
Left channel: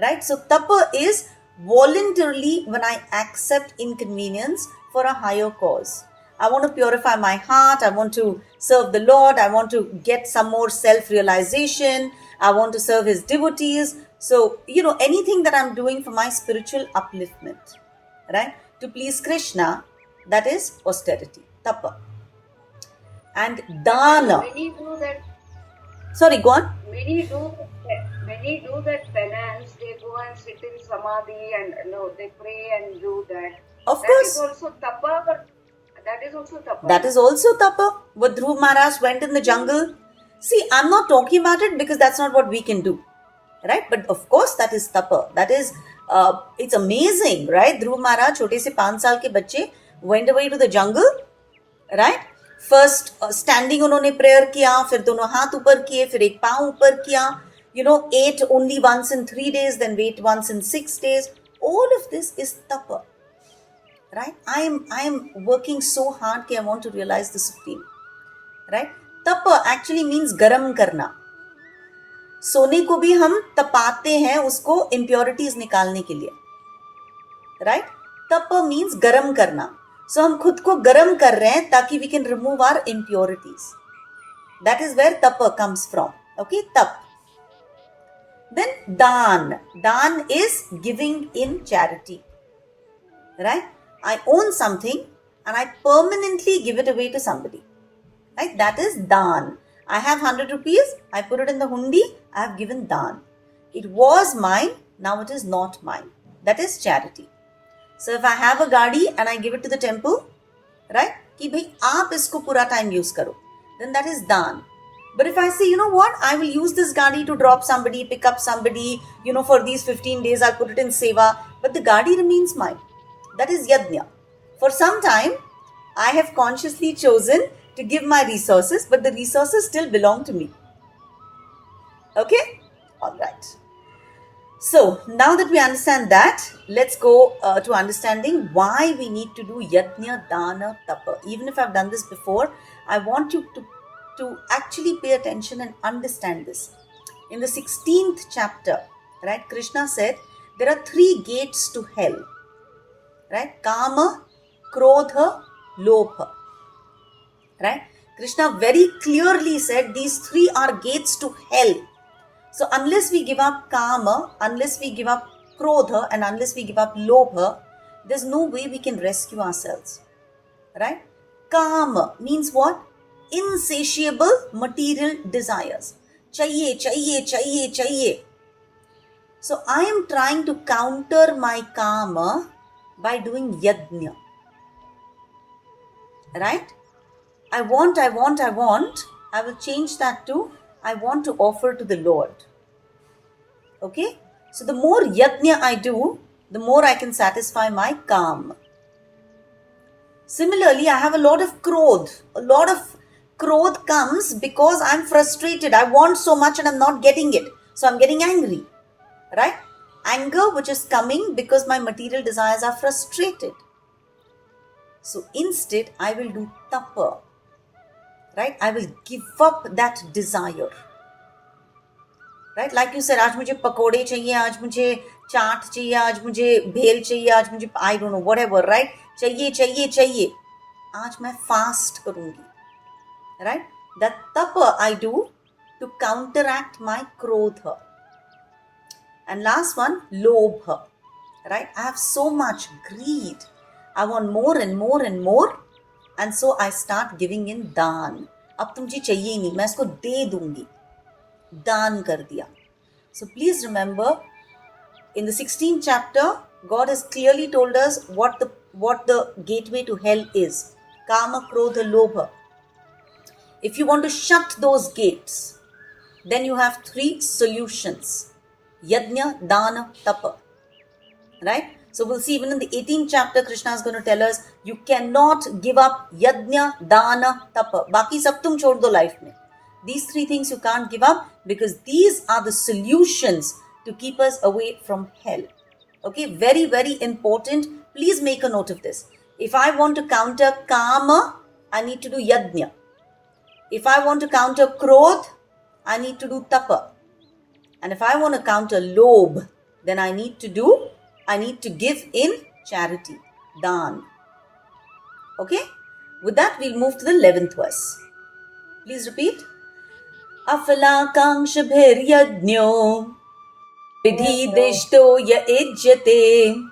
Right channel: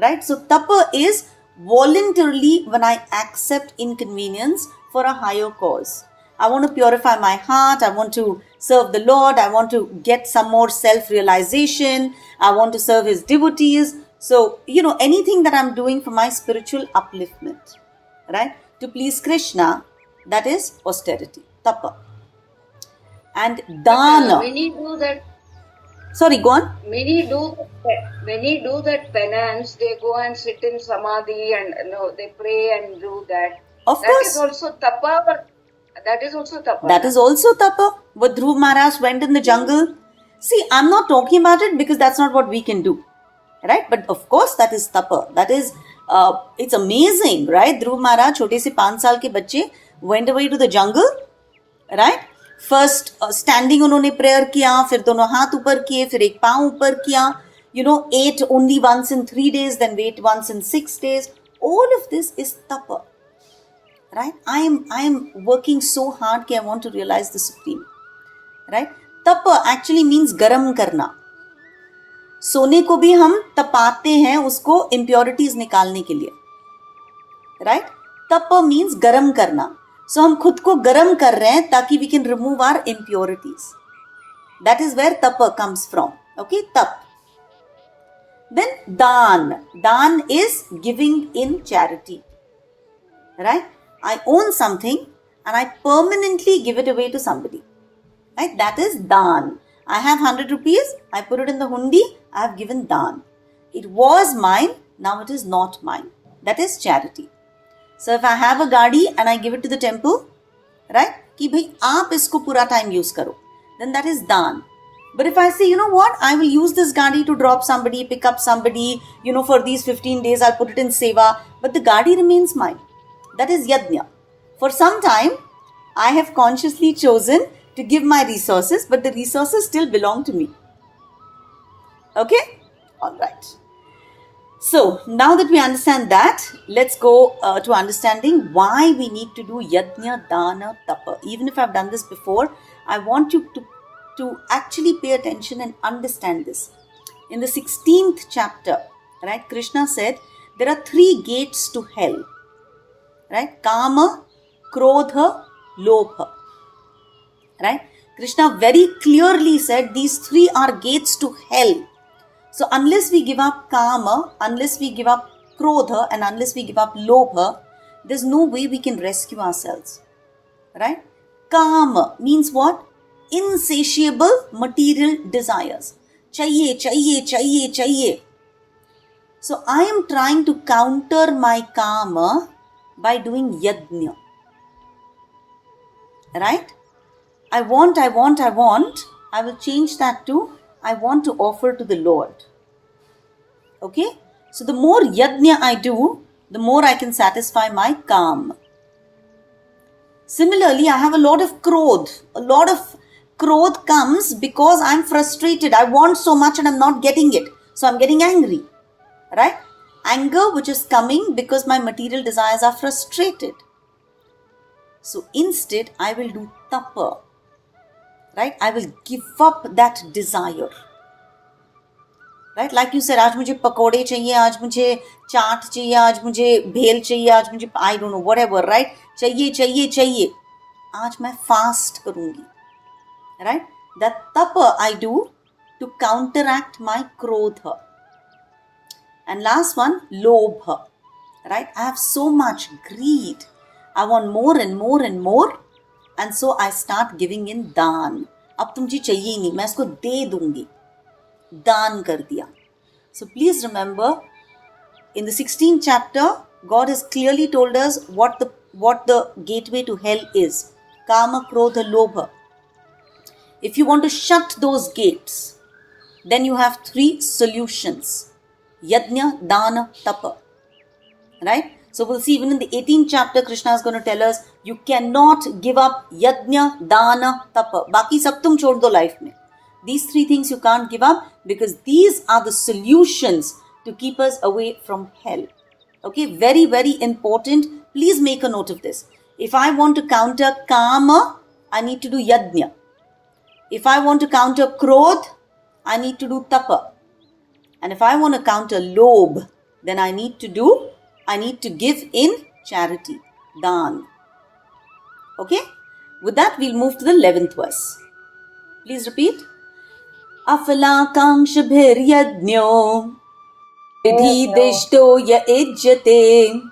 right? So tapa is voluntarily when I accept inconvenience for a higher cause. I want to purify my heart. I want to serve the Lord. I want to get some more self-realization. I want to serve His devotees. So, anything that I'm doing for my spiritual upliftment, right? To please Krishna, that is austerity, tapa. And dana. Many do that. Sorry, go on. Many do that penance. They go and sit in samadhi and they pray and do that. Of course. That is also tapa, but that is also tapa. That is also tapa. But Dhruv Maharaj went in the jungle. See, I'm not talking about it because that's not what we can do. Right? But of course, that is tapa. That is, it's amazing, right? Dhruv Maharaj, छोटे से 5 साल के बच्चे, went away to the jungle, right? First, standing उन्होंने prayer किया, फिर दोनों हाथ ऊपर किए, फिर एक पाँव ऊपर किया, ate only once in 3 days, then wait once in 6 days. All of this is tapa. Right? I'm working so hard that I want to realize the Supreme. Right? Tapa actually means garam karna. सोने को भी हम तपाते हैं उसको impurities निकालने के लिए. Right? Tapa means garam karna. So हम खुद को गरम कर रहे हैं ताकि we can remove our impurities. That is where tapa comes from. Okay? Tap. Then dan. Dan is giving in charity. Right? I own something and I permanently give it away to somebody. Right? That is dan. I have 100 rupees. I put it in the hundi. I have given dan. It was mine. Now it is not mine. That is charity. So if I have a gadi and I give it to the temple, right? Ki bhai aap isko pura time use karo. Then that is dan. But if I say, you know what? I will use this gadi to drop somebody, pick up somebody, for these 15 days I'll put it in seva. But the gadi remains mine. That is yajna. For some time, I have consciously chosen to give my resources, but the resources still belong to me. Okay? All right. So, now that we understand that, let's go to understanding why we need to do yajna, dana, tapa. Even if I've done this before, I want you to actually pay attention and understand this. In the 16th chapter, right, Krishna said, there are 3 gates to hell. Right? Kama, Krodha, Lobha. Right? Krishna very clearly said these 3 are gates to hell. So unless we give up Kama, unless we give up Krodha, and unless we give up Lobha, there's no way we can rescue ourselves. Right? Kama means what? Insatiable material desires. Chahiye, chahiye, chahiye, chahiye. So I am trying to counter my Kama by doing yajna. Right? I want. I will change that to I want to offer to the Lord. Okay? So the more yajna I do, the more I can satisfy my Kama. Similarly, I have a lot of krodh. A lot of krodh comes because I'm frustrated. I want so much and I'm not getting it. So I'm getting angry. Right? Anger which is coming because my material desires are frustrated. So instead, I will do tapa. Right? I will give up that desire. Right? Like you said, आज मुझे पकोड़े चाहिए, आज मुझे चाट चाहिए, आज मुझे भेल चाहिए, आज मुझे I don't know, whatever, right? चाहिए. आज मैं fast करूंगी. Right? That tapa I do to counteract my krodha. And last one, lobha. Right? I have so much greed. I want more and more and more. And so I start giving in दान. अब तुम मुझे चाहिए ही नहीं, मैं इसको दे दूंगी. दान कर दिया. So please remember, in the 16th chapter, God has clearly told us what the gateway to hell is. Kama, Krodha, Lobha. If you want to shut those gates, then you have 3 solutions. Yajna, Dana, Tapa. Right? So we'll see even in the 18th chapter, Krishna is going to tell us, you cannot give up Yajna, Dana, Tapa. Baki sab tum chhod do life mein. These 3 things you can't give up because these are the solutions to keep us away from hell. Okay, very, very important. Please make a note of this. If I want to counter Kama, I need to do Yajna. If I want to counter Krodh, I need to do Tapa. And if I want to counter Lobh, then I need to give in charity, Dan. Okay? With that, we'll move to the 11th verse. Please repeat. Afalakankshabhiryajnyo vidhidishto ya ijjate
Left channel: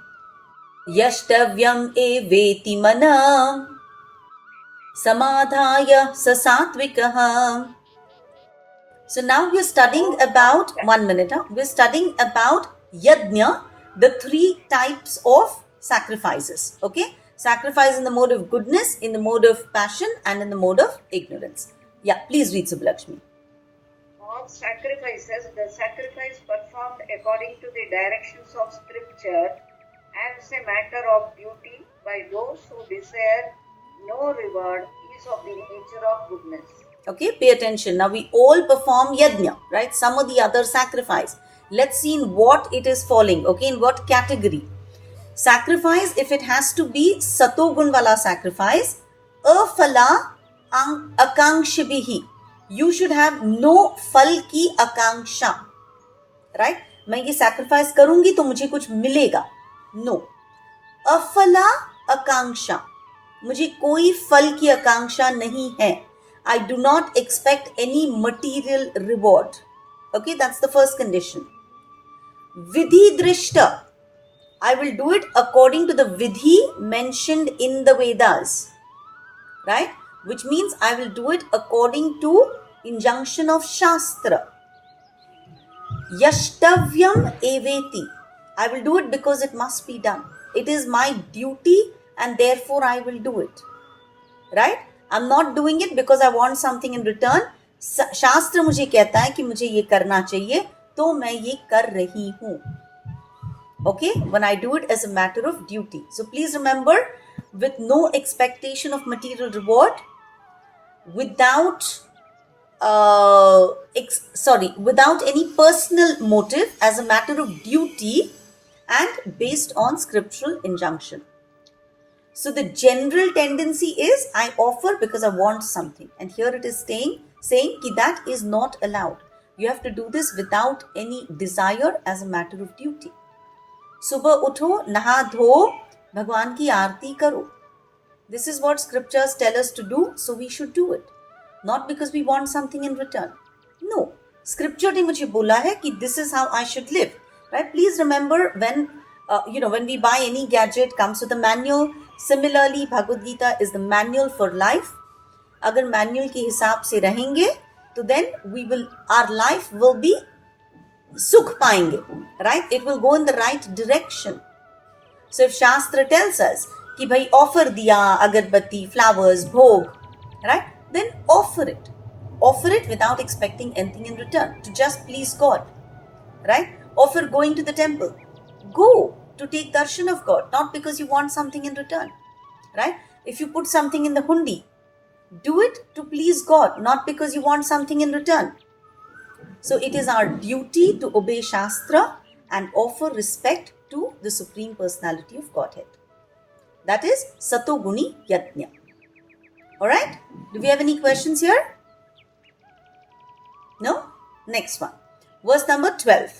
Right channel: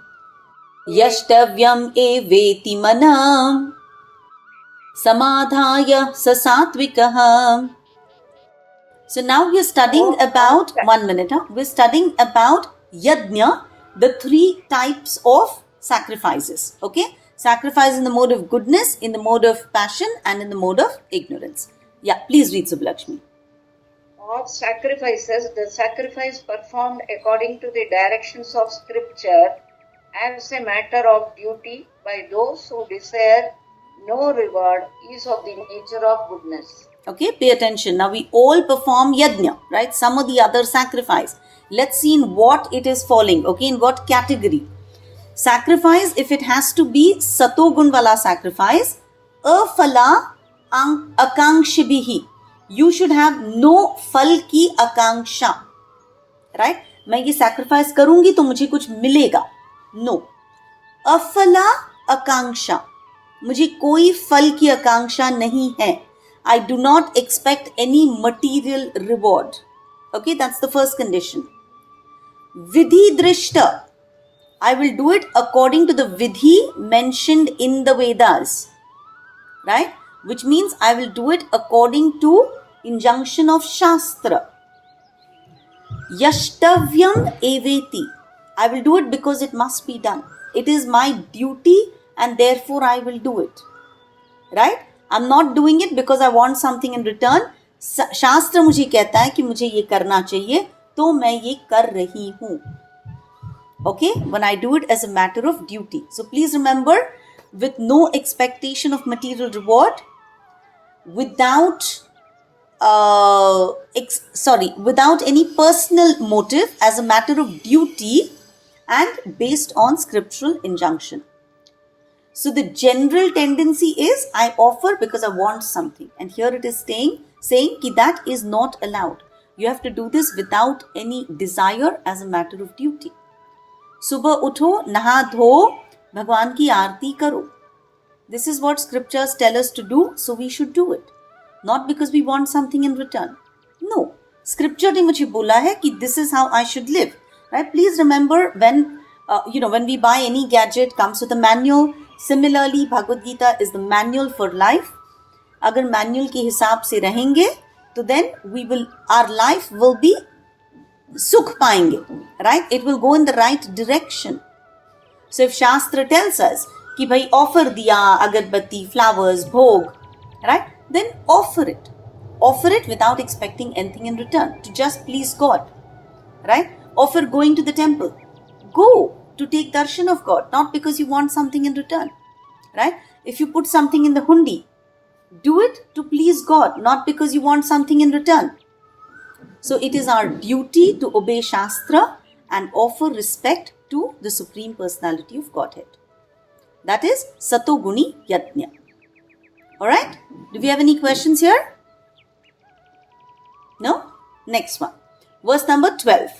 yashtavyam eveti manam samadhaya sasatvikah. So now we're studying about, 1 minute, we're studying about yajna, the 3 types of sacrifices. Okay? Sacrifice in the mode of goodness, in the mode of passion, and in the mode of ignorance. Yeah, please read, Subbalakshmi. Of sacrifices, the sacrifice performed according to the directions of scripture as a matter of duty by those who desire no reward is of the nature of goodness. Okay, pay attention. Now we all perform yajna, right? Some of the other sacrifice. Let's see in what it is falling, okay, in what category. Sacrifice, if it has to be satogun wala sacrifice, afala akankshibihi. You should have no फल की आकांक्षा. Right? मैं ये sacrifice करूंगी तो मुझे कुछ मिलेगा. No. अफला आकांक्षा. मुझे कोई फल की आकांक्षा नहीं है. I do not expect any material reward. Okay, that's the first condition. Vidhi drishta. I will do it according to the vidhi mentioned in the Vedas. Right? Which means I will do it according to injunction of Shastra. Yashtavyam eveti. I will do it because it must be done. It is my duty and therefore I will do it. Right? I'm not doing it because I want something in return. शास्त्र मुझे कहता है कि मुझे ये करना चाहिए, तो मैं ये कर रही हूँ. Okay? When I do it as a matter of duty. So please remember, with no expectation of material reward, without any personal motive, as a matter of duty and based on scriptural injunction. So the general tendency is I offer because I want something, and here it is saying that is not allowed. You have to do this without any desire as a matter of duty. सुबह उठो, नहा धो, भगवान की आरती करो. This is what scriptures tell us to do, so we should do it. Not because we want something in return. No. Scripture ने मुझे बोला है कि this is how I should live. Right? Please remember when we buy any gadget, comes with a manual. Similarly, Bhagavad Gita is the manual for life. अगर manual के हिसाब से रहेंगे, तो then our life will be sukh पाएंगे. Right? It will go in the right direction. So if Shastra tells us कि भाई offer दिया, अगरबत्ती, flowers, bhog, right? Then offer it. Offer it without expecting anything in return, to just please God. Right? Offer going to the temple. Go to take darshan of God, not because you want something in return. Right? If you put something in the hundi, do it to please God, not because you want something in return. So it is our duty to obey Shastra and offer respect to the Supreme Personality of Godhead. That is Satoguni Yajna. Alright? Do we have any questions here? No? Next one. Verse number 12.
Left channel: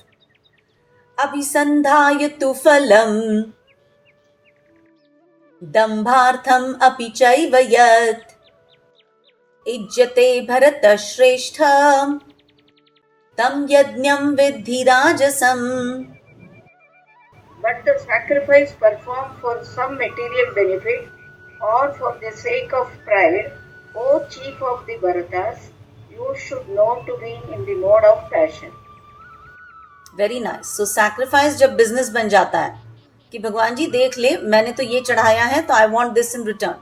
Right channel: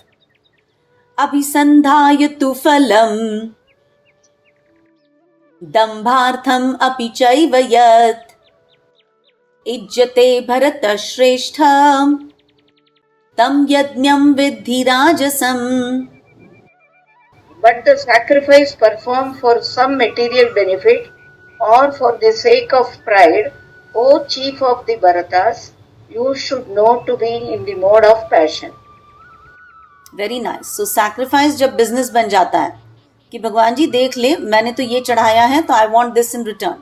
Abhisandhayatu phalam dambhartham api chaiva yat ijjate bharata shrestha tam yajnam vidhi rajasam. But the sacrifice performed for some material benefit or for the sake of pride, O chief of the Bharatas, you should know to be in the mode of passion. Very nice. So sacrifice जब business बन जाता है कि भगवान जी देख ले मैंने तो ये चढ़ाया है तो I want this in return.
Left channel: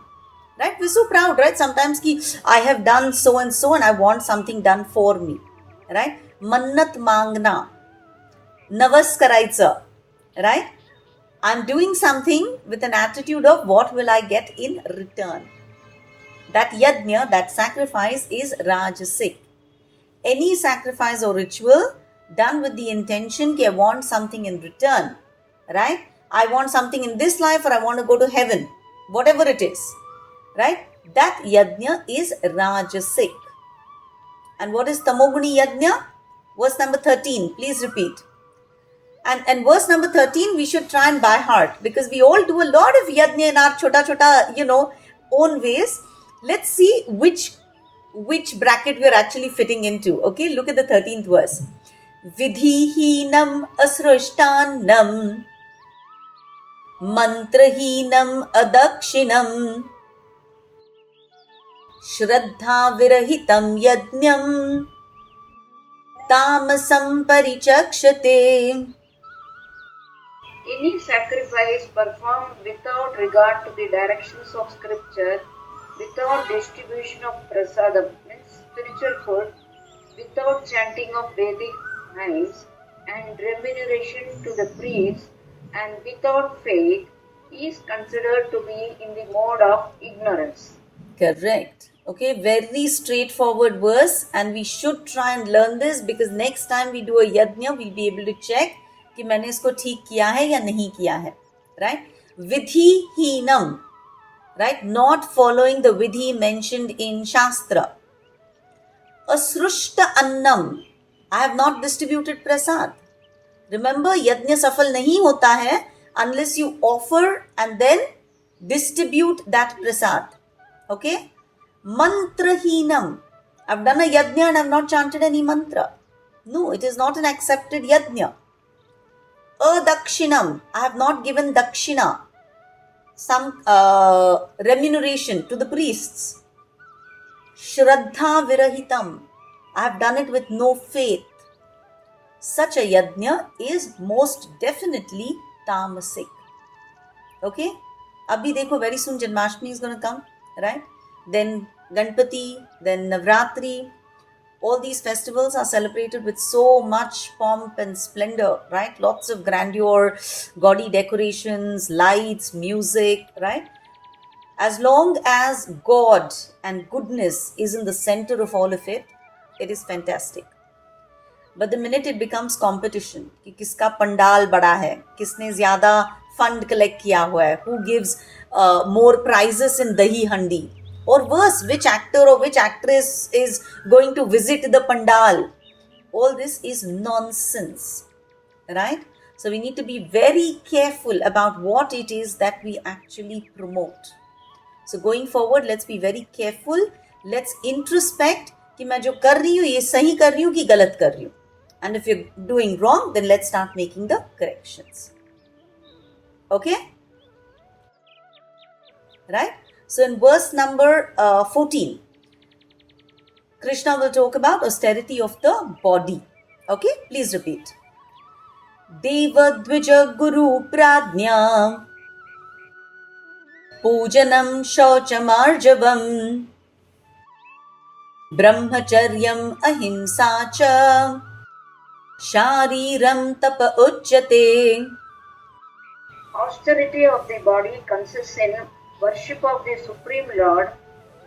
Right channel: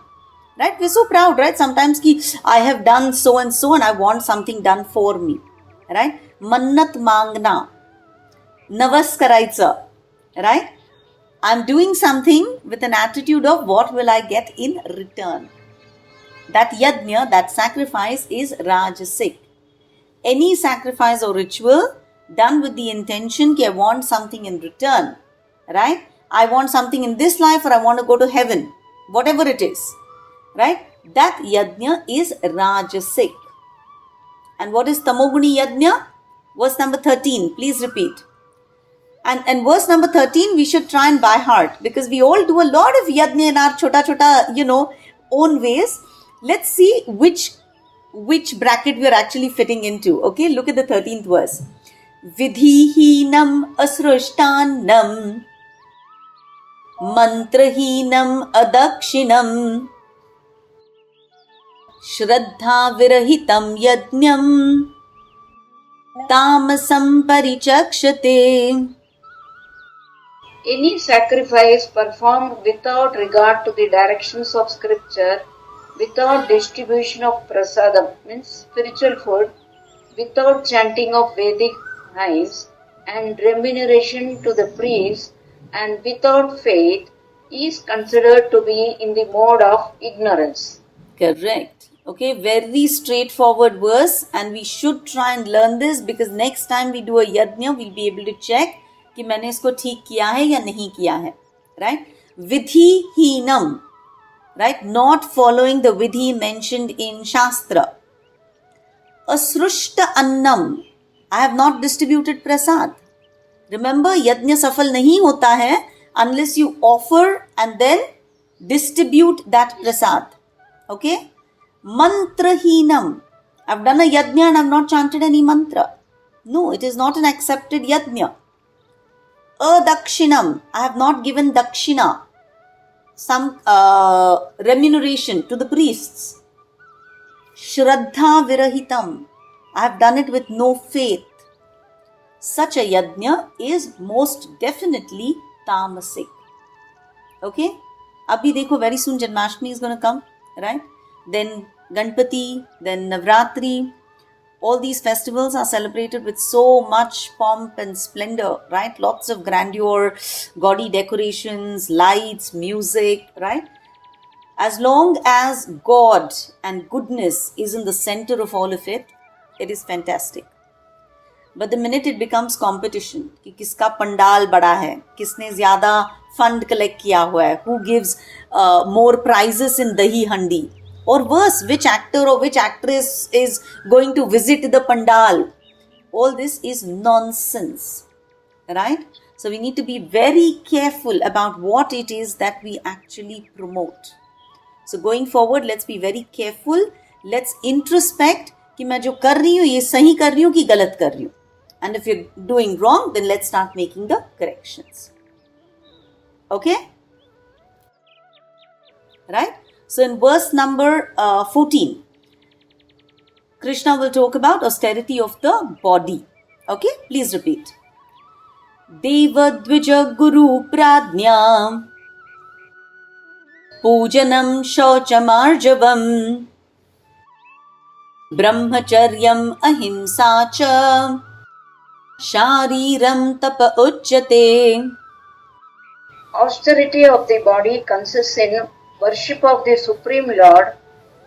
Right? We're so proud, right? Sometimes कि I have done so and I want something done for me. Right? मन्नत मांगना, नवस करायचं. Right? I'm doing something with an attitude of what will I get in return. That yajna, that sacrifice is rajasic. Any sacrifice or ritual done with the intention that I want something in return. Right? I want something in this life or I want to go to heaven. Whatever it is. Right? That yajna is rajasic. And what is tamoguni yajna? Verse number 13. Please repeat. And verse number 13 we should try and by heart because we all do a lot of yajna in our chota, own ways. Let's see which bracket we are actually fitting into. Okay, look at the 13th verse. Vidhihinam asrushtanam mantrahinam adakshinam shraddha virahitam yajnam tamasam parichakshate. Any sacrifice performed without regard to the directions of scripture, without distribution of prasadam, means spiritual food, without chanting of Vedic hymns and remuneration to the priests, and without faith, is considered to be in the mode of ignorance. Correct. Okay, very straightforward verse and we should try and learn this because next time we do a yajna, we'll be able to check कि मैंने इसको ठीक किया है या नहीं किया है. Right? Vidhihinam. Right? Not following the vidhi mentioned in Shastra. Asrushta annam. I have not distributed prasad. Remember, yajna safal nahi hota hai unless you offer and then distribute that prasad. Okay? Mantrahinam. I've done a yajna and I've not chanted any mantra. No, it is not an accepted yajna. Adakshinam. I have not given dakshina, some remuneration to the priests. Shraddha virahitam. I have done it with no faith. Such a yajna is most definitely tamasic. Okay? Abhi dekho, very soon Janmashtami is going to come, right? Then Ganpati, then Navratri. All these festivals are celebrated with so much pomp and splendor, right? Lots of grandeur, gaudy decorations, lights, music, right? As long as God and goodness is in the center of all of it, it is fantastic. But the minute it becomes competition, कि किसका पंडाल बड़ा है, किसने ज़्यादा fund collect किया हुआ है, who gives more prizes in dahi handi, or worse, which actor or which actress is going to visit the pandal. All this is nonsense, right? So we need to be very careful about what it is that we actually promote. So going forward, let's be very careful. Let's introspect कि मैं जो कर रही हूँ ये सही कर रही हूँ कि गलत कर रही हूँ. And if you're doing wrong, then let's start making the corrections. Okay? Right? So in verse number 14, Krishna will talk about austerity of the body. Okay? Please repeat. Deva Dvija Guru Pradnya Pujanam Shauchamarjavam Brahmacharyam Ahimsa Cha Shariram Tapa Uchyate. Austerity of the body consists in worship of the Supreme Lord,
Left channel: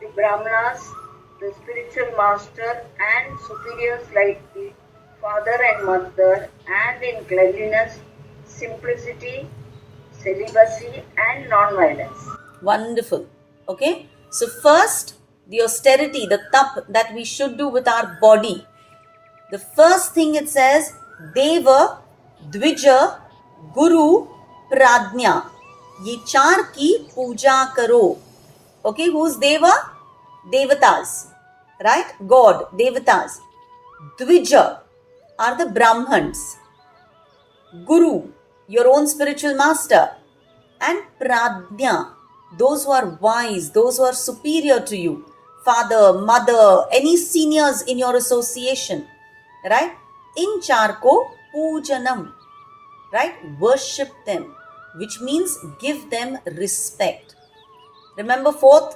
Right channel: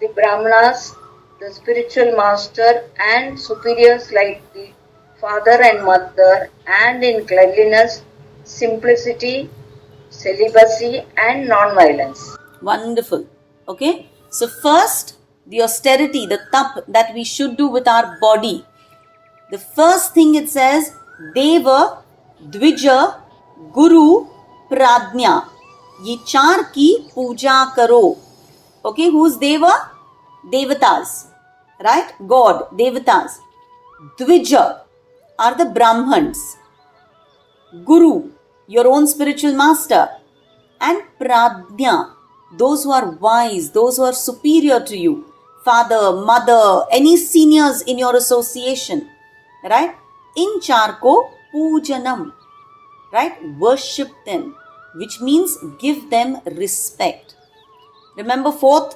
the Brahmanas, the spiritual master, and superiors like the father and mother, and in cleanliness, simplicity, celibacy, and non-violence. Wonderful. Okay. So first, the austerity, the tap that we should do with our body. The first thing it says, Deva, Dvija, Guru, Pradnya. ये चार की पूजा करो. Okay, who's Deva? Devatas. Right? God, Devatas. Dvija are the Brahmans. Guru, your own spiritual master. And Pradnya, those who are wise, those who are superior to you. Father, mother, any seniors in your association. Right? In charko pujanam. Right? Worship them, which means give them respect. Remember fourth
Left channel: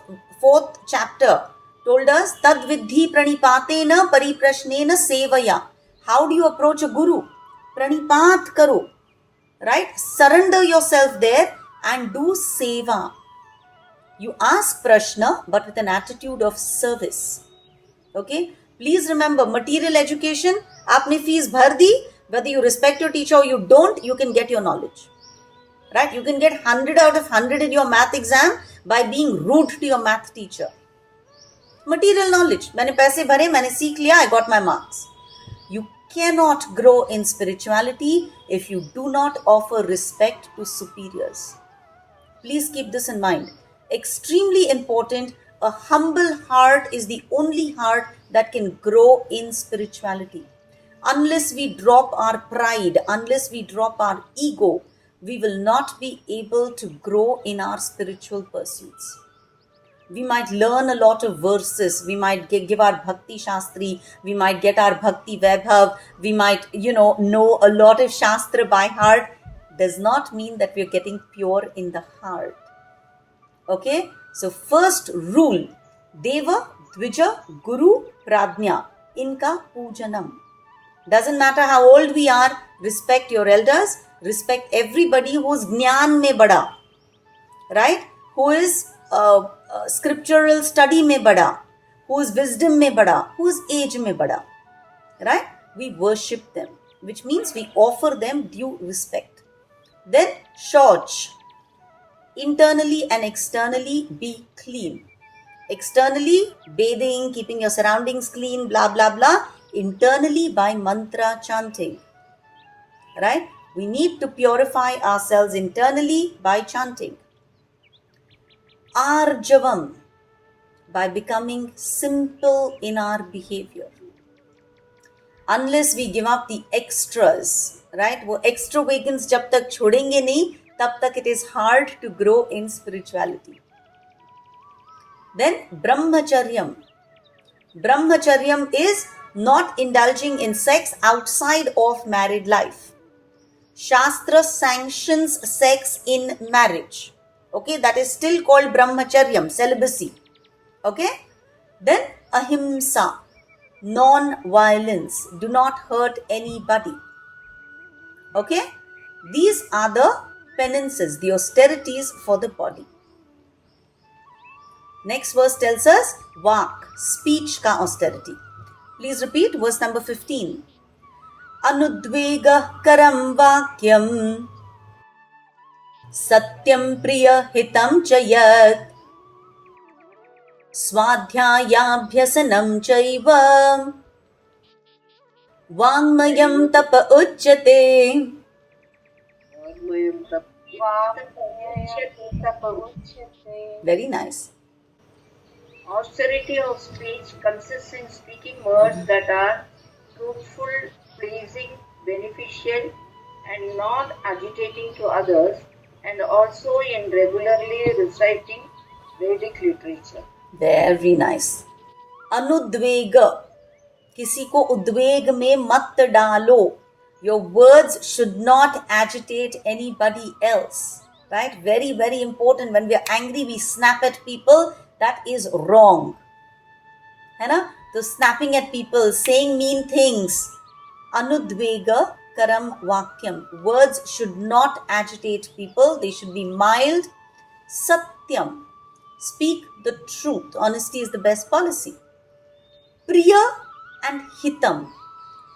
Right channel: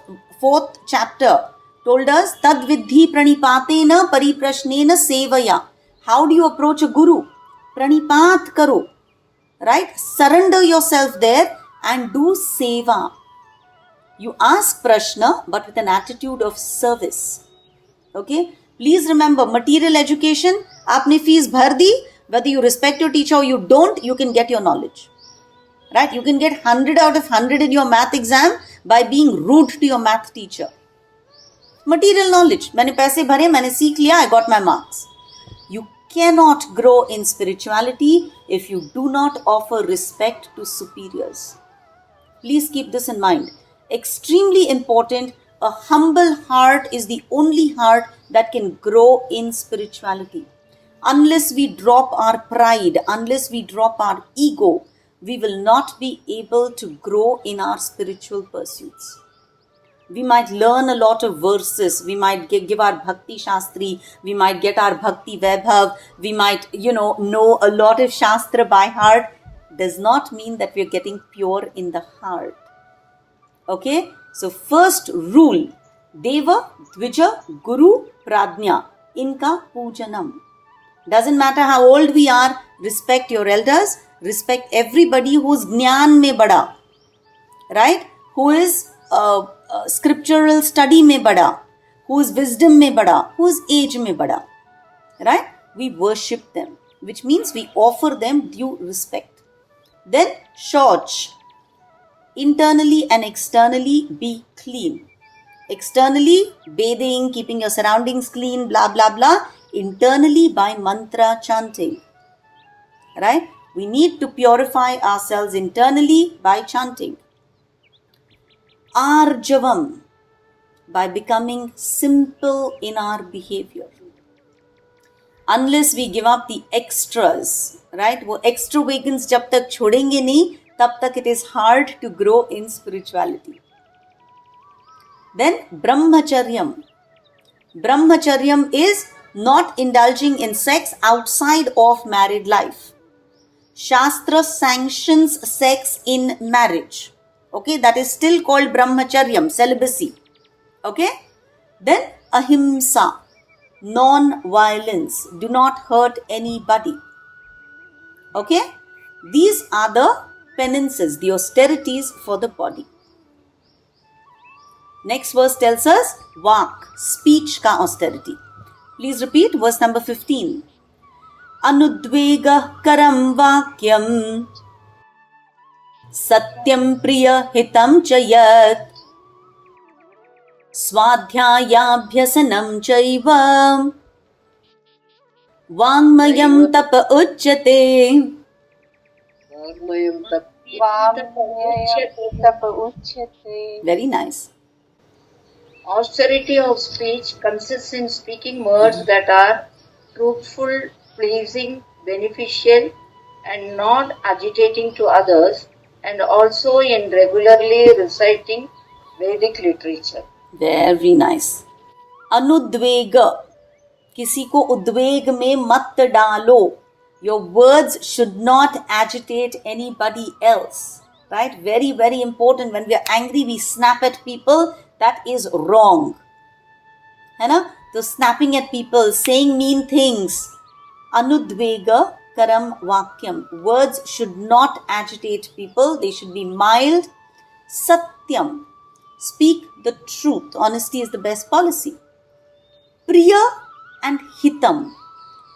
chapter told us tad vidhi pranipatena pariprashnena sevaya. How do you approach a guru? Pranipat karo. Right? Surrender yourself there and do seva. You ask prashna but with an attitude of service. Okay? Please remember, material education, aapne fees bhar di, whether you respect your teacher or you don't, you can get your knowledge. Right? You can get 100 out of 100 in your math exam by being rude to your math teacher. Material knowledge. मैंने पैसे भरे, मैंने सीख लिया, I got my marks. You cannot grow in spirituality if you do not offer respect to superiors. Please keep this in mind. Extremely important. A humble heart is the only heart that can grow in spirituality. Unless we drop our pride, unless we drop our ego, we will not be able to grow in our spiritual pursuits. We might learn a lot of verses, we might give our Bhakti Shastri, we might get our Bhakti Vaibhav, we might, know a lot of Shastra by heart. Does not mean that we are getting pure in the heart. Okay? So first rule, Deva, Dvija, Guru, Pradnya. Inka pujanam. Doesn't matter how old we are, respect your elders, respect everybody who's jnana mein bada. Right? Who is scriptural study mein bada. Who is wisdom mein bada. Who is age mein bada. Right? We worship them, which means we offer them due respect. Then shauch. Internally and externally be clean. Externally, bathing, keeping your surroundings clean, blah, blah, blah. Internally, by mantra chanting. Right? We need to purify ourselves internally by chanting. Arjavam, by becoming simple in our behavior. Unless we give up the extras, right? वो extravagance जब तक छोड़ेंगे नहीं, तब तक it is hard to grow in spirituality. Then brahmacharyam. Brahmacharyam is not indulging in sex outside of married life. Shastra sanctions sex in marriage. Okay, that is still called brahmacharyam, celibacy. Okay, then ahimsa, non-violence. Do not hurt anybody. Okay, these are the penances, the austerities for the body. Next verse tells us vak, speech ka austerity. Please repeat verse number 15. Anudvega karam vakyam satyam priya hitam chayat swadhyayabhyasanam chaiva vangmayam tapa uchyate. Very nice. Austerity of speech consists in speaking words that are truthful, pleasing, beneficial, and not agitating to others, and also in regularly reciting Vedic literature. Very nice. Anudvega. किसी को उद्वेग में मत डालो. Your words should not agitate anybody else. Right? Very, very important. When we are angry, we snap at people. That is wrong. है ना? So snapping at people, saying mean things. Anudvega karam vakyam. Words should not agitate people. They should be mild, Satyam, speak the truth. Honesty is the best policy. Priya and Hitam,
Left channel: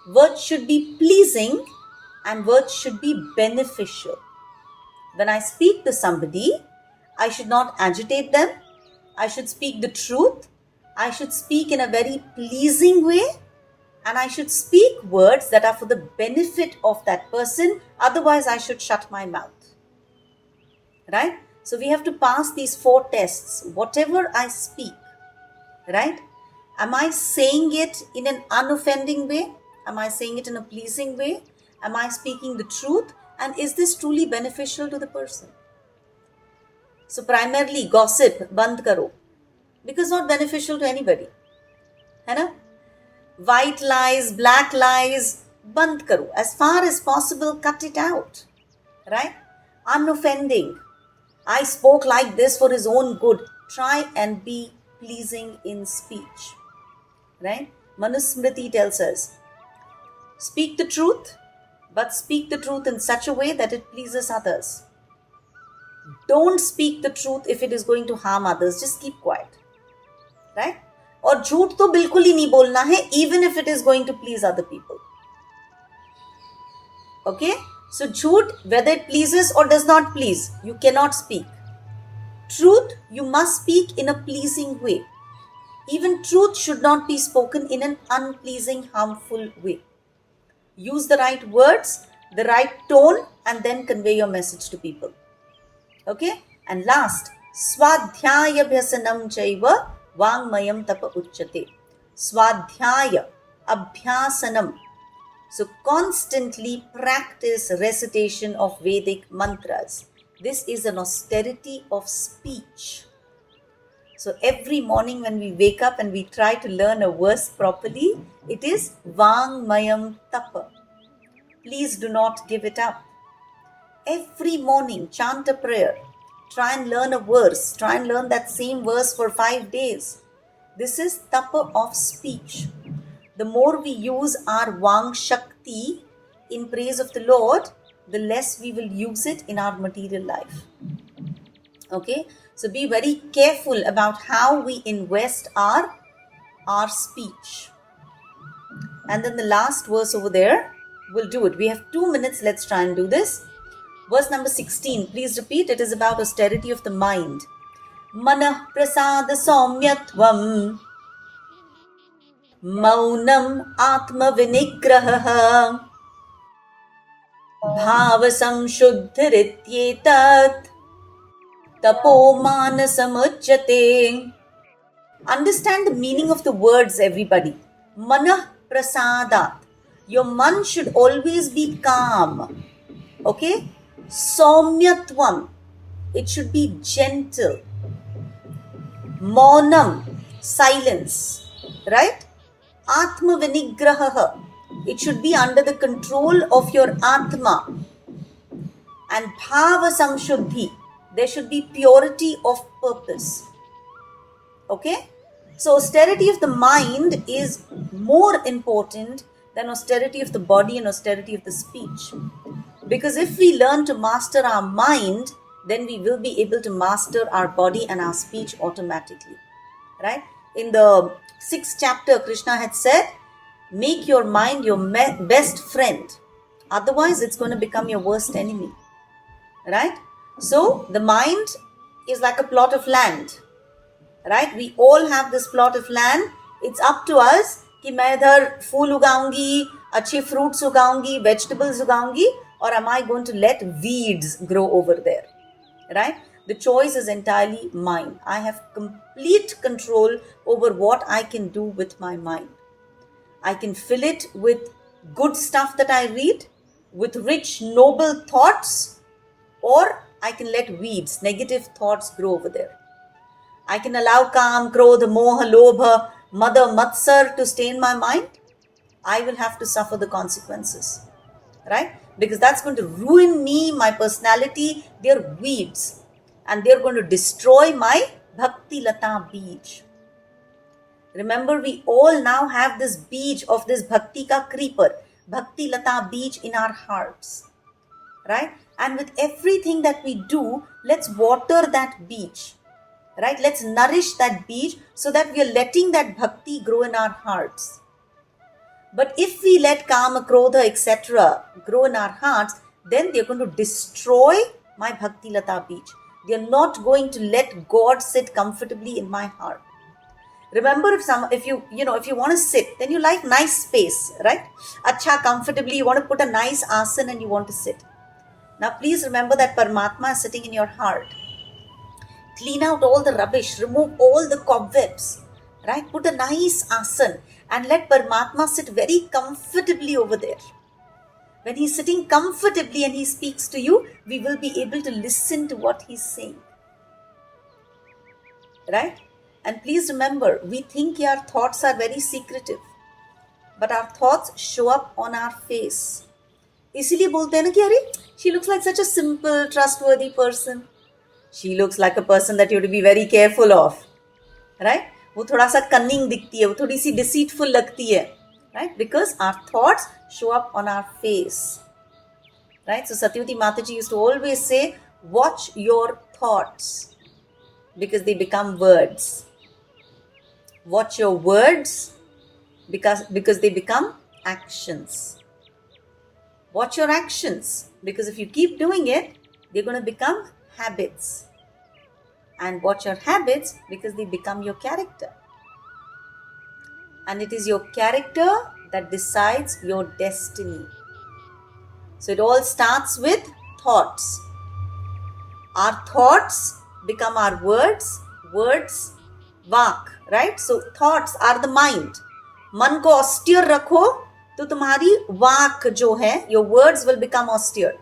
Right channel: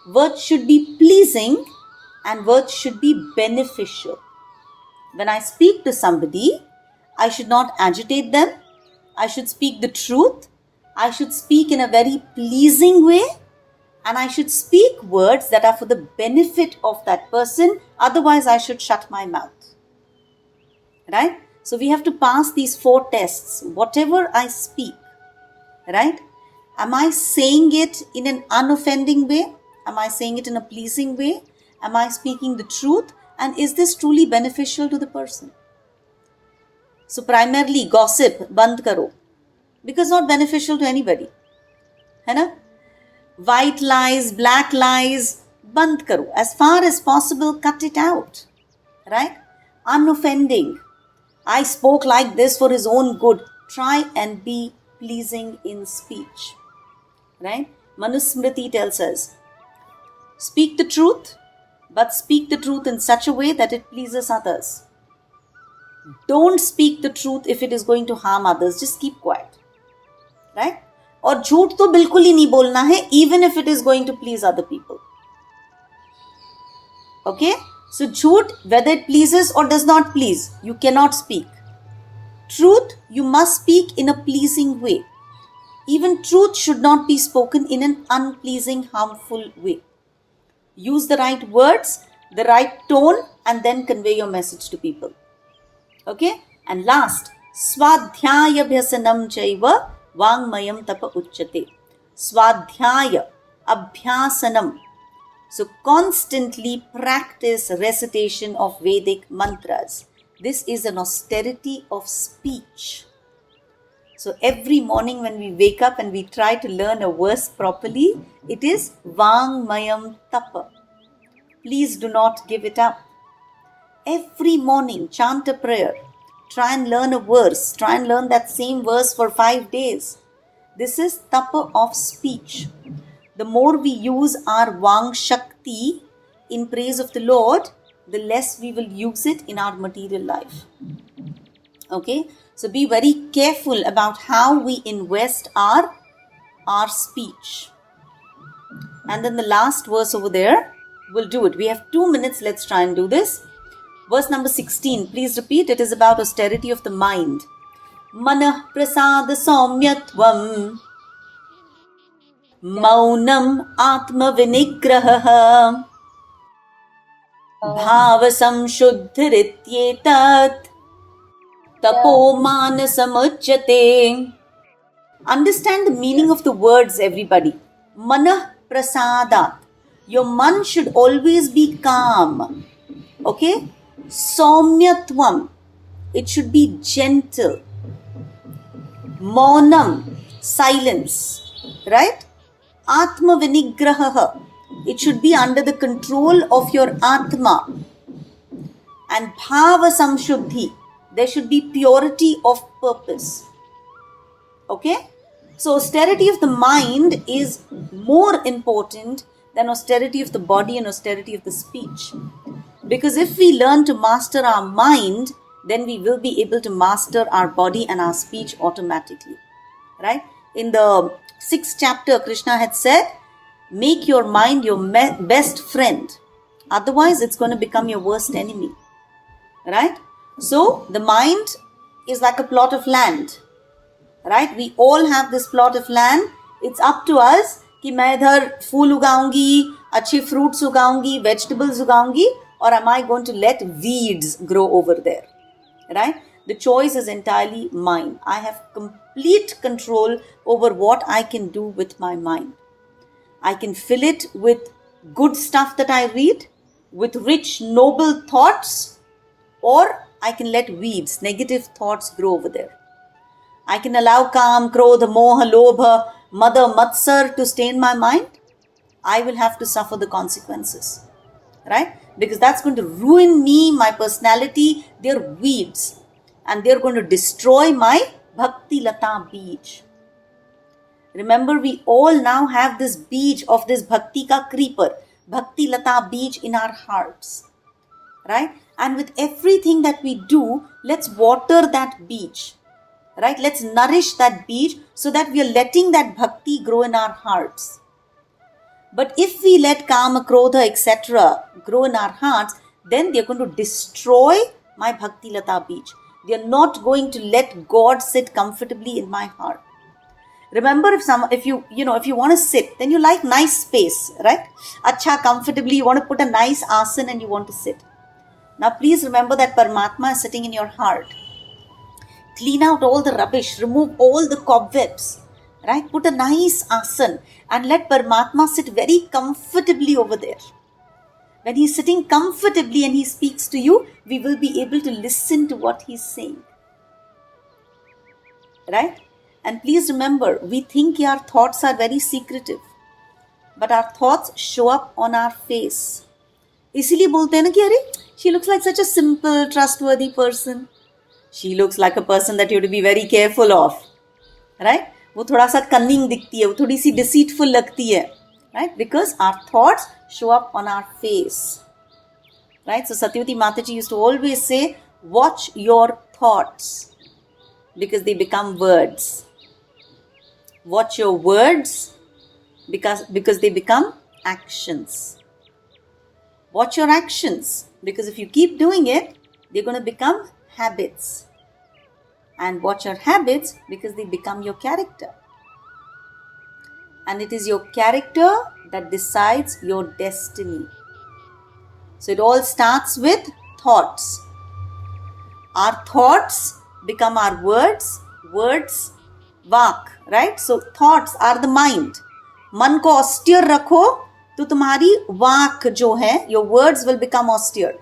words should be pleasing and words should be beneficial. When I speak to somebody, I should not agitate them. I should speak the truth. I should speak in a very pleasing way. And I should speak words that are for the benefit of that person. Otherwise, I should shut my mouth. Right? So we have to pass these 4 tests. Whatever I speak, right? Am I saying it in an unoffending way? Am I saying it in a pleasing way? Am I speaking the truth? And is this truly beneficial to the person? So primarily gossip, band karo. Because not beneficial to anybody. है ना? White lies, black lies, band karo. As far as possible, cut it out. Right? Unoffending. I spoke like this for his own good. Try and be pleasing in speech. Right? Manusmriti tells us, speak the truth, but speak the truth in such a way that it pleases others. Don't speak the truth if it is going to harm others. Just keep quiet. Right? और झूठ तो बिल्कुल ही नहीं बोलना है, even if it is going to please other people. Okay? So झूठ, whether it pleases or does not please, you cannot speak. Truth, you must speak in a pleasing way. Even truth should not be spoken in an unpleasing, harmful way. Use the right words, the right tone, and then convey your message to people. Okay? And last, swadhyaya bhyasanam chaiva vangmayam tapa uchyate. Swadhyaya, abhyasanam. So constantly practice recitation of Vedic mantras. This is an austerity of speech. So every morning when we wake up and we try to learn a verse properly, it is Vangmayam Tapa. Please do not give it up. Every morning, chant a prayer. Try and learn a verse. Try and learn that same verse for 5 days. This is Tapa of speech. The more we use our Vang Shakti in praise of the Lord, the less we will use it in our material life. Okay? So be very careful about how we invest our speech. And then the last verse over there, we'll do it. We have 2 minutes. Let's try and do this. Verse number 16. Please repeat. It is about austerity of the mind. Manah prasada saumyatvam maunam atma vinigraha bhava samshuddharityetat tapo manasamuchyate. Understand the meaning of the words, everybody. Manah prasadat. Your man should always be calm. Okay? Saumyatvam. It should be gentle. Maunam. Silence. Right? Atma vinigraha. It should be under the control of your Atma. And bhava samshuddhi. There should be purity of purpose. Okay? So austerity of the mind is more important than austerity of the body and austerity of the speech. Because if we learn to master our mind, then we will be able to master our body and our speech automatically. Right? In the 6th chapter, Krishna had said, make your mind your best friend. Otherwise, it's going to become your worst enemy. Right? So, the mind is like a plot of land. Right? We all have this plot of land. It's up to us कि मैं इधर फूल उगाऊंगी, अच्छे fruits उगाऊंगी, vegetables उगाऊंगी, or am I going to let weeds grow over there? Right? The choice is entirely mine. I have complete control over what I can do with my mind. I can fill it with good stuff that I read, with rich, noble thoughts, or I can let weeds, negative thoughts grow over there. I can allow Kam, Krodha, Moha, Lobha, Mada, Matsar to stain my mind. I will have to suffer the consequences. Right? Because that's going to ruin me, my personality. They're weeds. And they're going to destroy my Bhakti Lata Beej. Remember, we all now have this beej of this Bhakti ka creeper, Bhakti Lata Beej in our hearts. Right? And with everything that we do, let's water that beach, right? Let's nourish that beach so that we are letting that bhakti grow in our hearts. But if we let kama, krodha, etc. grow in our hearts, then they're going to destroy my bhakti lata beach. They're not going to let God sit comfortably in my heart. Remember, if you want to sit, then you like nice space, right? Acha, comfortably, you want to put a nice asana and you want to sit. Now please remember that Paramatma is sitting in your heart. Clean out all the rubbish, remove all the cobwebs, right? Put a nice asana and let Paramatma sit very comfortably over there. When he's sitting comfortably and he speaks to you, we will be able to listen to what he's saying, right? And please remember, we think our thoughts are very secretive, but our thoughts show up on our face. इसीलिए बोलते हैं ना कि अरे, she looks like such a simple, trustworthy person. She looks like a person that you have to be very careful of, right? वो थोड़ा सा cunning दिखती है, वो थोड़ी सी deceitful लगती है, right? Because our thoughts show up on our face, right? So Satyavati Mataji used to always say, watch your thoughts because they become words. Watch your words because they become actions. Watch your actions because if you keep doing it, they're going to become habits. And watch your habits because they become your character. And it is your character that decides your destiny. So it all starts with thoughts. Our thoughts become our words, words, vak, right? So thoughts are the mind. मन को austere रखो तो तुम्हारी वाक जो है, your words will become austere.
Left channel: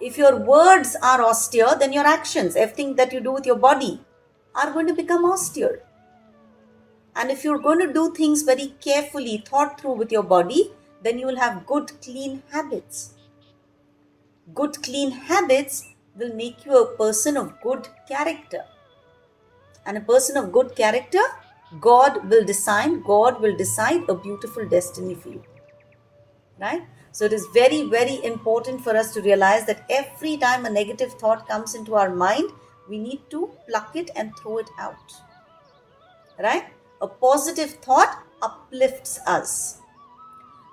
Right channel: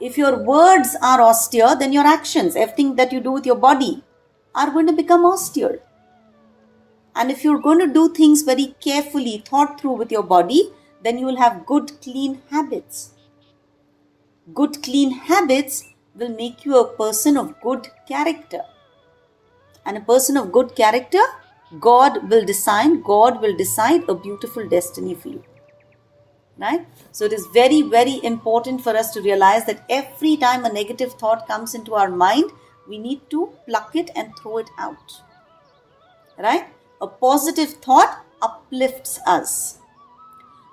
If your words are austere, then your actions, everything that you do with your body, are going to become austere. And if you're going to do things very carefully, thought through with your body, then you will have good, clean habits. Good, clean habits will make you a person of good character. And a person of good character, God will decide a beautiful destiny for you. Right? So it is very, very important for us to realize that every time a negative thought comes into our mind, we need to pluck it and throw it out. Right? A positive thought uplifts us.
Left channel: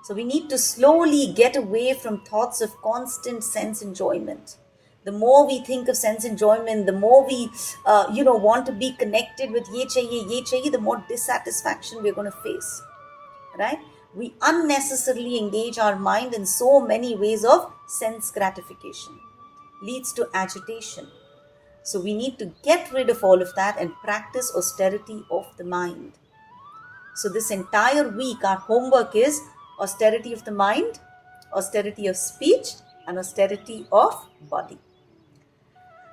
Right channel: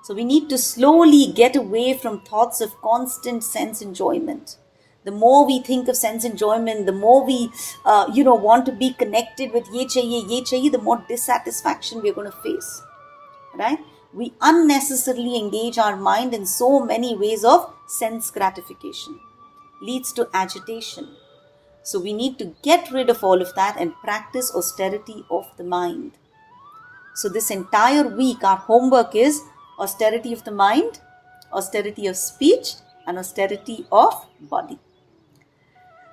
So we need to slowly get away from thoughts of constant sense enjoyment. The more we think of sense enjoyment, the more we, want to be connected with ye chahiye, the more dissatisfaction we're going to face. Right? We unnecessarily engage our mind in so many ways of sense gratification. Leads to agitation. So we need to get rid of all of that and practice austerity of the mind. So this entire week, our homework is austerity of the mind, austerity of speech, and austerity of body.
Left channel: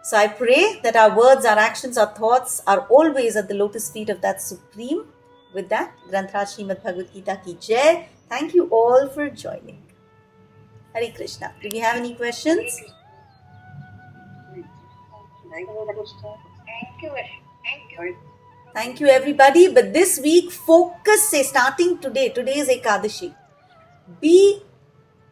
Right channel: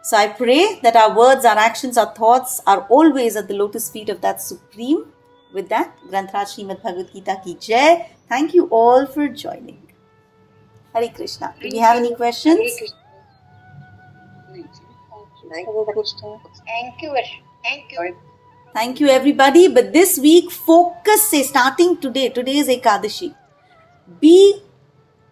So I pray that our words, our actions, our thoughts are always at the lotus feet of that Supreme. With that, Granth Srimad Bhagavad Gita ki Jai. Thank you all for joining. Hare Krishna. Do we have any questions? Thank you. Thank you everybody. But this week, focus starting today. Today is Ekadashi. Be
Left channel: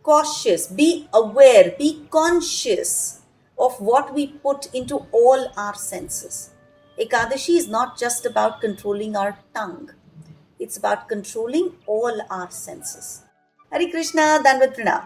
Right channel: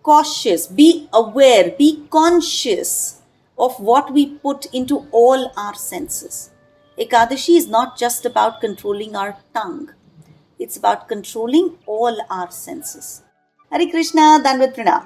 cautious, be aware, be conscious of what we put into all our senses. Ekadashi is not just about controlling our tongue. It's about controlling all our senses. Hare Krishna, Dandavat Pranam.